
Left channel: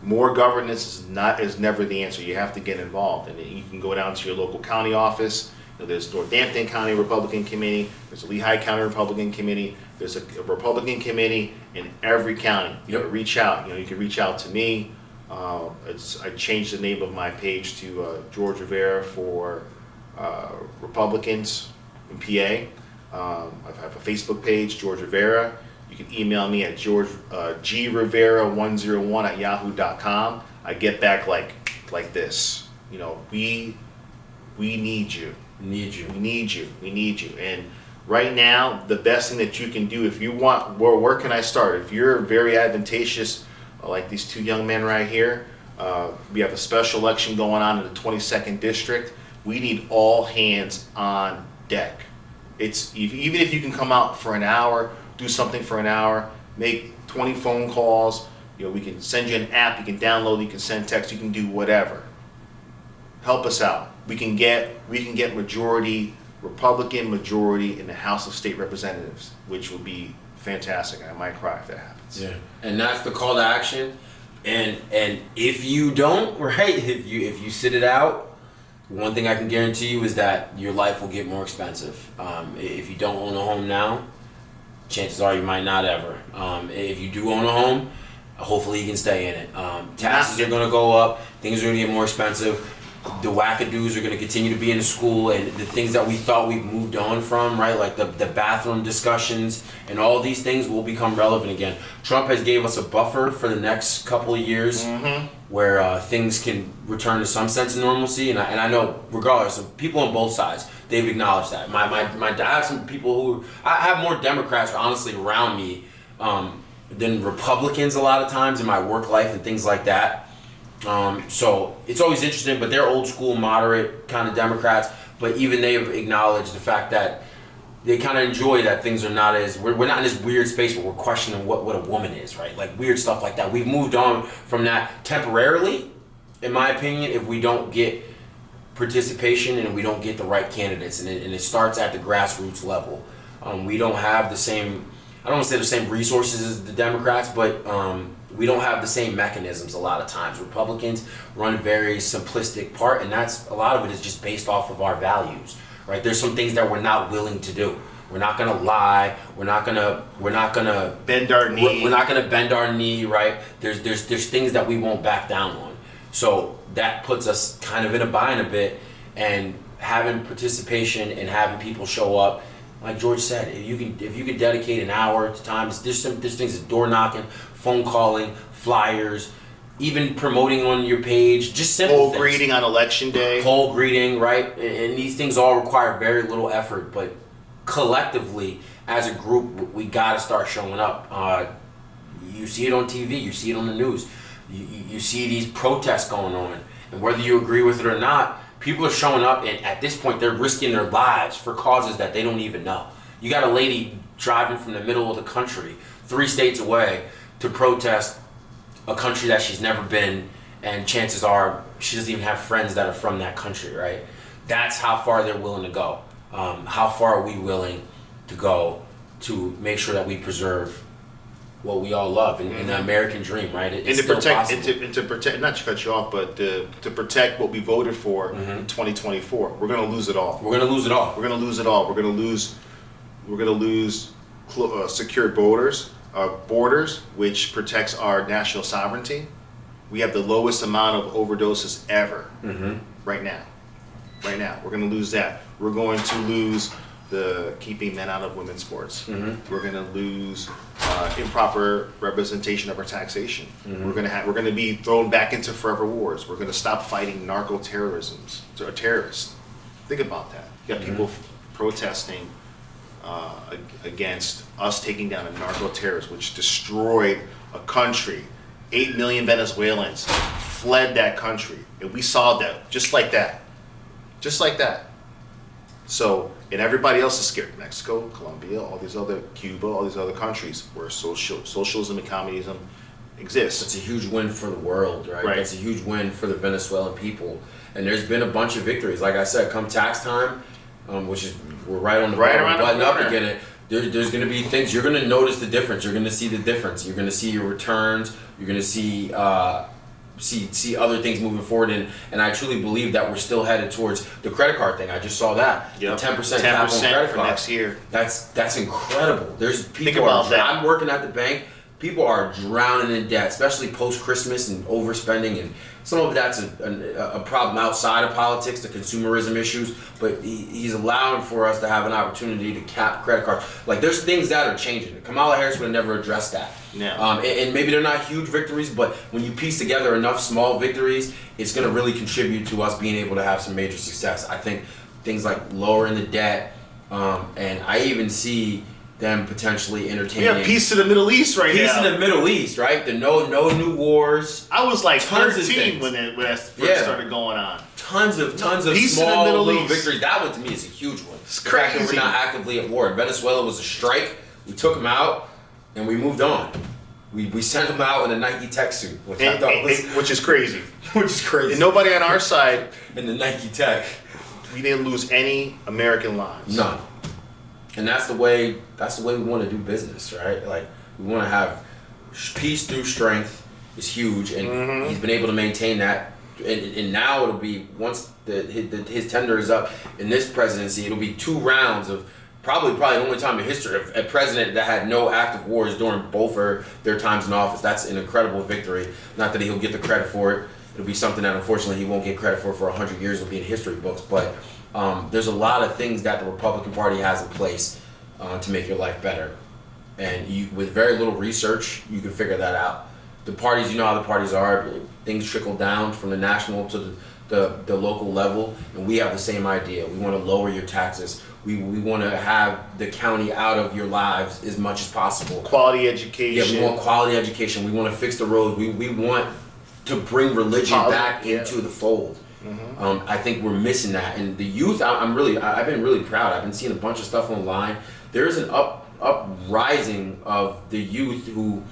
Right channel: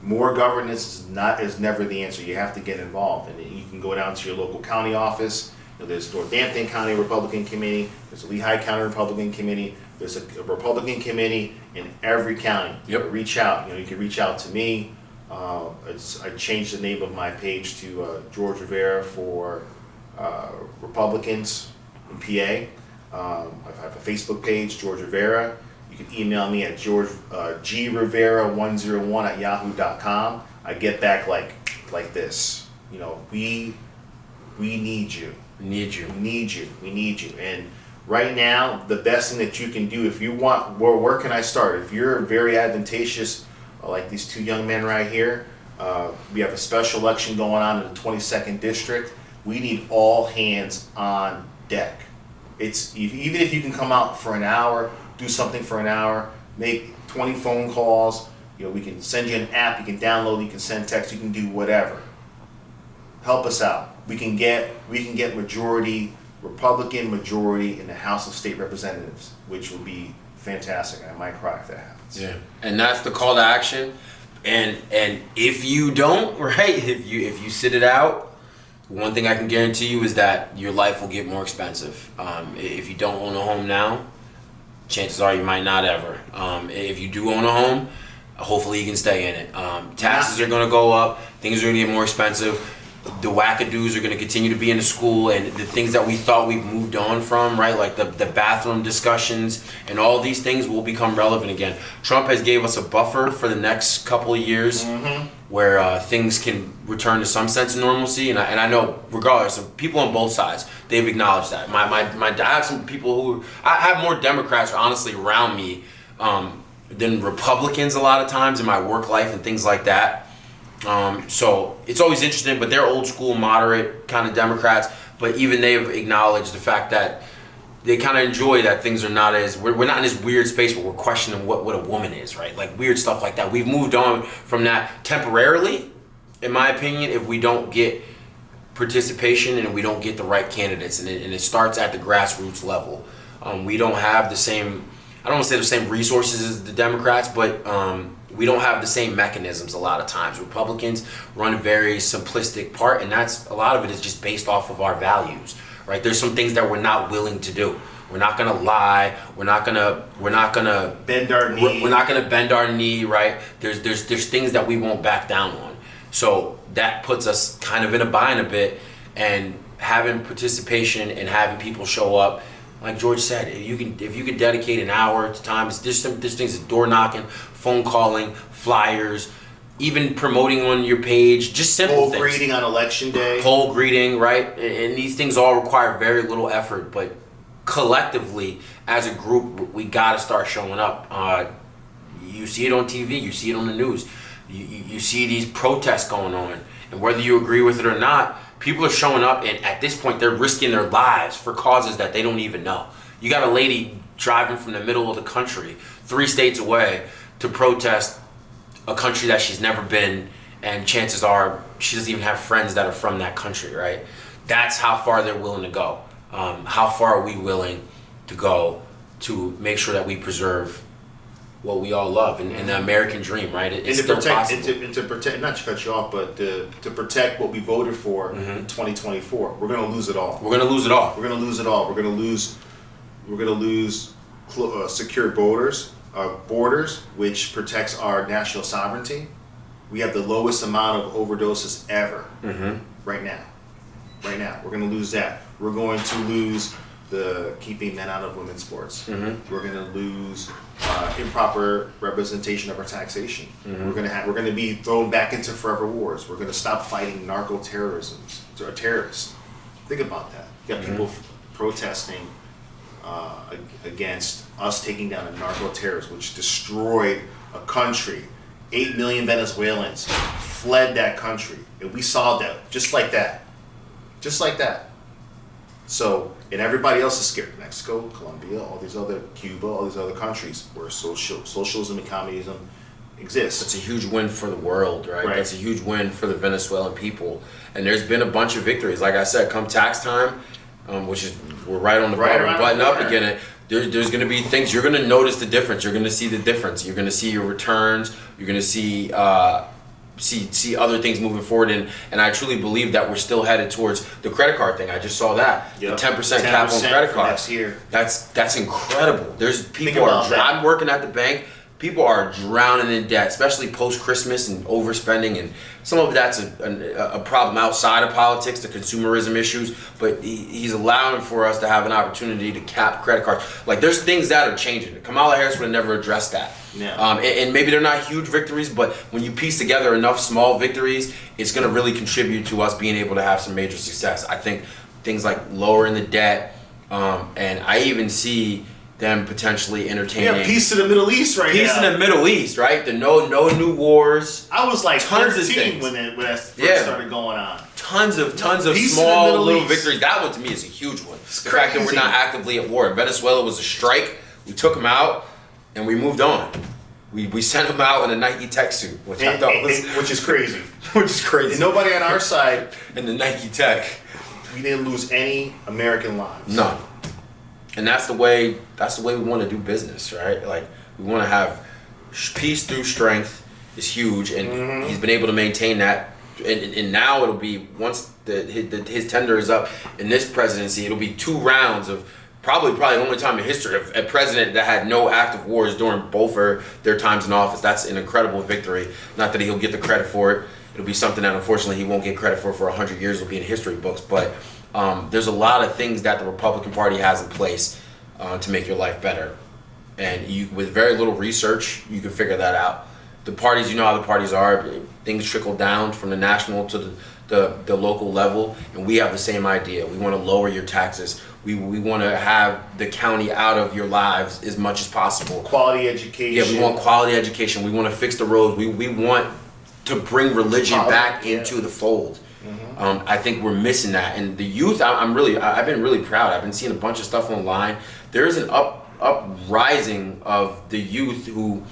More governance is never the answer. You have to get involved, and you can go down to your local county office. There's Northampton County Republican Committee. There's a Lehigh County Republican Committee. There's a Republican committee in every county. You can reach out. You can reach out to me. I changed the name of my page to George Rivera for Republicans in PA. I have a Facebook page, George Rivera. You can email me at grivera101@yahoo.com. I get back like this. We need you. We need you. And right now, the best thing that you can do, if you want, where can I start? If you're very advantageous, like these two young men right here, we have a special election going on in the 22nd district. We need all hands on deck. Even if you can come out for an hour, do something for an hour, make 20 phone calls. We can send you an app. You can download. You can send text. You can do whatever. Help us out. We can get Republican majority in the House of State Representatives, which would be fantastic. I might cry if that happens. Yeah, and that's the call to action. And if you don't, right, if you sit it out, one thing I can guarantee you is that your life will get more expensive. If you don't own a home now, chances are you might not ever. If you do own a home, hopefully you can stay in it. Taxes are going to go up. Things are going to get more expensive. The wackadoos are going to continue to be in the school, and the things that we thought we've moved on from, right, like the bathroom discussions and all these things will become relevant again. Trump has gave us a buffer for the next couple of years where things can return to some sense of normalcy, and I know regardless of people on both sides, they've acknowledged that. I have some people I have more Democrats honestly around me than Republicans a lot of times in my work life and things like that. So it's always interesting, but they're old school, moderate kind of Democrats. But even they've acknowledged the fact that they kind of enjoy that things are not as we're not in this weird space where we're questioning what a woman is, right? Like weird stuff like that. We've moved on from that temporarily, in my opinion, if we don't get participation and we don't get the right candidates, and it starts at the grassroots level. We don't have the same. I don't want to say the same resources as the Democrats, but we don't have the same mechanisms a lot of times. Republicans run a very simplistic part, and that's a lot of it is just based off of our values, right? There's some things that we're not willing to do. We're not gonna lie. We're not gonna bend our knee. We're not gonna bend our knee, right? There's things that we won't back down on. So that puts us kind of in a bind a bit, and having participation and having people show up. Like George said, if you could dedicate an hour at a time, there's things like door knocking, phone calling, flyers, even promoting on your page, just simple things. Poll greeting on election day. Poll greeting, right? And these things all require very little effort, but collectively, as a group, we got to start showing up. You see it on TV, you see it on the news, you see these protests going on, and whether you agree with it or not, people are showing up, and at this point, they're risking their lives for causes that they don't even know. You got a lady driving from the middle of the country, 3 states away, to protest a country that she's never been, and chances are she doesn't even have friends that are from that country, right? That's how far they're willing to go. How far are we willing to go to make sure that we preserve what we all love and the American dream, right? It's and to protect, possible. and to protect, not to cut you off, but to protect what we voted for in 2024. We're going to lose it all. We're going to lose it all. We're going to lose it all. We're going to lose secure borders, which protects our national sovereignty. We have the lowest amount of overdoses ever right now. Right now, we're going to lose that. We're going to lose the keeping men out of women's sports. We're going to lose improper representation of our taxation. We're going to be thrown back into forever wars. We're going to stop fighting terrorists. Think about that. You got people protesting against us taking down a narco-terrorist, which destroyed a country. 8 million Venezuelans fled that country, and we saw that just like that. So, and everybody else is scared. Mexico, Colombia, Cuba, all these other countries where socialism and communism exists. It's a huge win for the world, right? That's a huge win for the Venezuelan people. And there's been a bunch of victories. Like I said, come tax time, which is we're right on the button up again. There's going to be things you're going to notice the difference. You're going to see the difference. You're going to see your returns. You're going to see see other things moving forward, and I truly believe that we're still headed towards the credit card thing. I just saw that. Yep. The 10% cap on credit card next year. That's incredible. There's people Think about that. I'm working at the bank. People are drowning in debt, especially post-Christmas and overspending, and some of that's a problem outside of politics, the consumerism issues, but he's allowing for us to have an opportunity to cap credit cards. Like, there's things that are changing. Kamala Harris would have never addressed that. Yeah. And maybe they're not huge victories, but when you piece together enough small victories, it's going to really contribute to us being able to have some major success. I think things like lowering the debt, and I even see them potentially entertaining. Yeah, peace to the Middle East right now. Peace in the Middle East, right? The no new wars. I was like Tons of 13 things. when that first started going on. tons of Peace in the small Middle little East. victories. That one to me is a huge one. It's The fact that we're crazy. not actively at war. Venezuela was a strike. We took them out, and we moved on. We sent them out in a Nike Tech suit, which I thought was which is crazy. which is crazy. And nobody on our side, in the Nike Tech, we didn't lose any American lives. none. And that's the way we want to do business, right? Like we want to have peace through strength is huge, and he's been able to maintain that. And now it'll be once his tender is up in this presidency, it'll be 2 rounds of probably the only time in history of a president that had no active wars during both their times in office. That's an incredible victory. Not that he'll get the credit for it. It'll be something that unfortunately he won't get credit for 100 years. It'll be in history books. But there's a lot of things that the Republican Party has in place to make your life better. And with very little research, you can figure that out. The parties, you know how the parties are. Things trickle down from the national to the local level, and we have the same idea. We want to lower your taxes. We want to have the county out of your lives as much as possible. Quality education. Yeah, we want quality education. We want to fix the roads. We want to bring religion back into the fold. I think we're missing that, and the youth. I've been really proud. I've been seeing a bunch of stuff online. There is an uprising of the youth who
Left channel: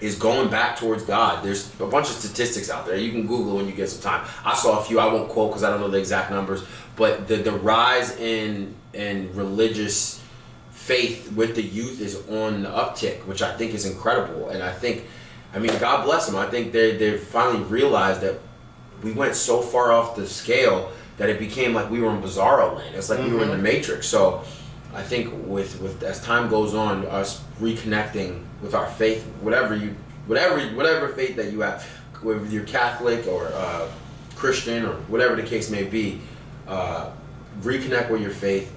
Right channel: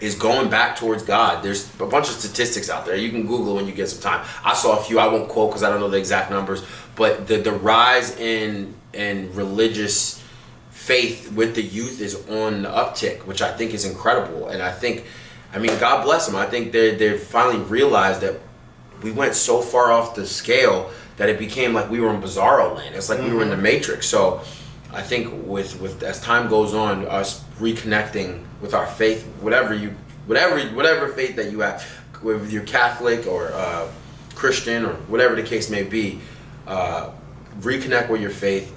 is going back towards God. There's a bunch of statistics out there. You can Google when you get some time. I saw a few. I won't quote because I don't know the exact numbers. But the rise in religious faith with the youth is on the uptick, which I think is incredible. And I mean, God bless them. I think they finally realized that we went so far off the scale that it became like we were in Bizarro land. It's like we were in the Matrix. So I think with as time goes on, us reconnecting with our faith, whatever faith that you have, whether you're Catholic or Christian or whatever the case may be, reconnect with your faith,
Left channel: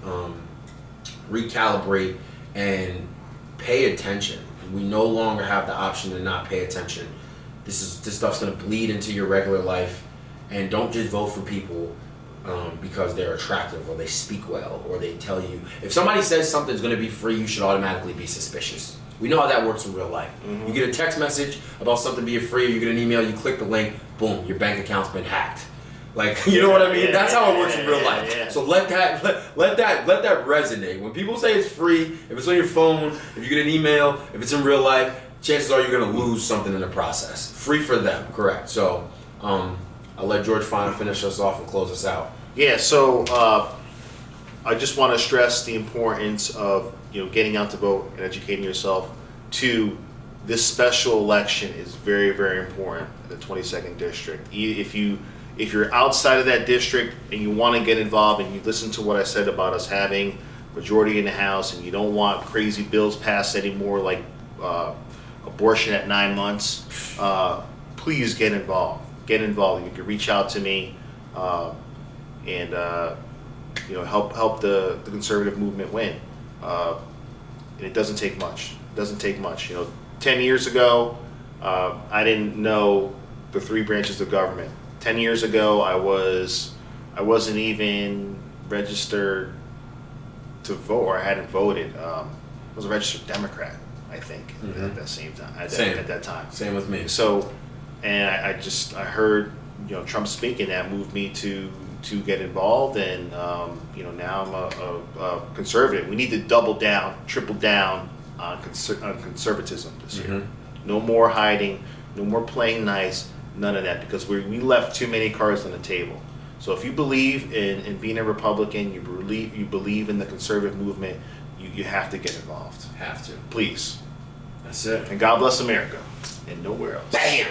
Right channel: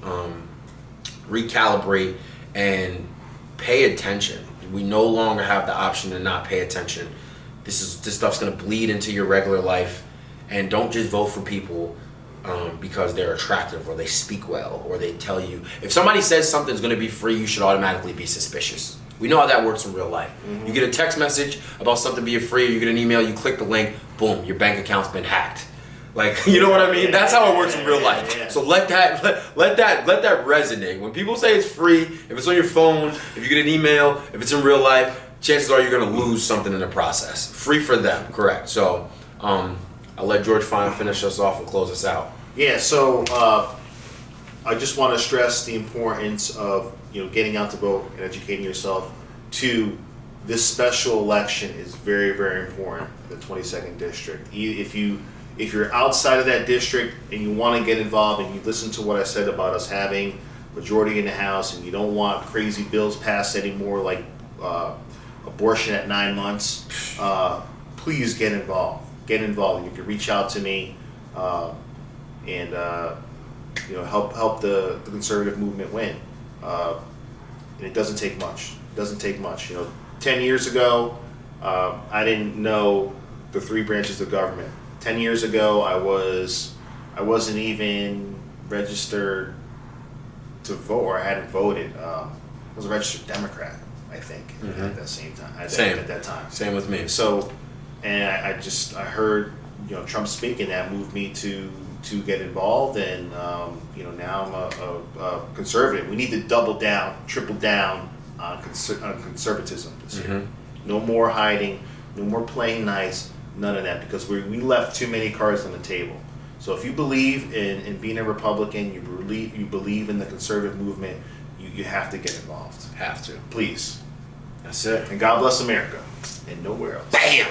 recalibrate, and pay attention. We no longer have the option to not pay attention. This stuff's gonna bleed into your regular life, and don't just vote for people because they're attractive or they speak well or they tell you. If somebody says something's going to be free, you should automatically be suspicious. We know how that works in real life. You get a text message about something being free, or you get an email, you click the link, boom, your bank account's been hacked. Like, you know what I mean? That's how it works in real life. Yeah. So let that resonate. When people say it's free, if it's on your phone, if you get an email, if it's in real life, chances are you're going to lose something in the process. Free for them, correct. So I'll let George finish us off and close us out. Yeah, so I just want to stress the importance of getting out to vote and educating yourself. This special election is very, very important in the 22nd district. If you're outside of that district and you want to get involved, and you listen to what I said about us having majority in the House, and you don't want crazy bills passed anymore like abortion at 9 months, please get involved. Get involved. You can reach out to me. And help the conservative movement win. And it doesn't take much. 10 years ago, I didn't know the 3 branches of government. 10 years ago, I wasn't even registered to vote, or I hadn't voted. I was a registered Democrat, I think, at that same time. At that time. Same with me. So, and I heard Trump speaking, that moved me to get involved, and now I'm a conservative. We need to triple down on conservatism this year. No more hiding, no more playing nice, none of that, because we left too many cards on the table. So if you believe in being a Republican, you believe in the conservative movement, you have to get involved. Have to. Please. That's it. And God bless America, and nowhere else. Bam!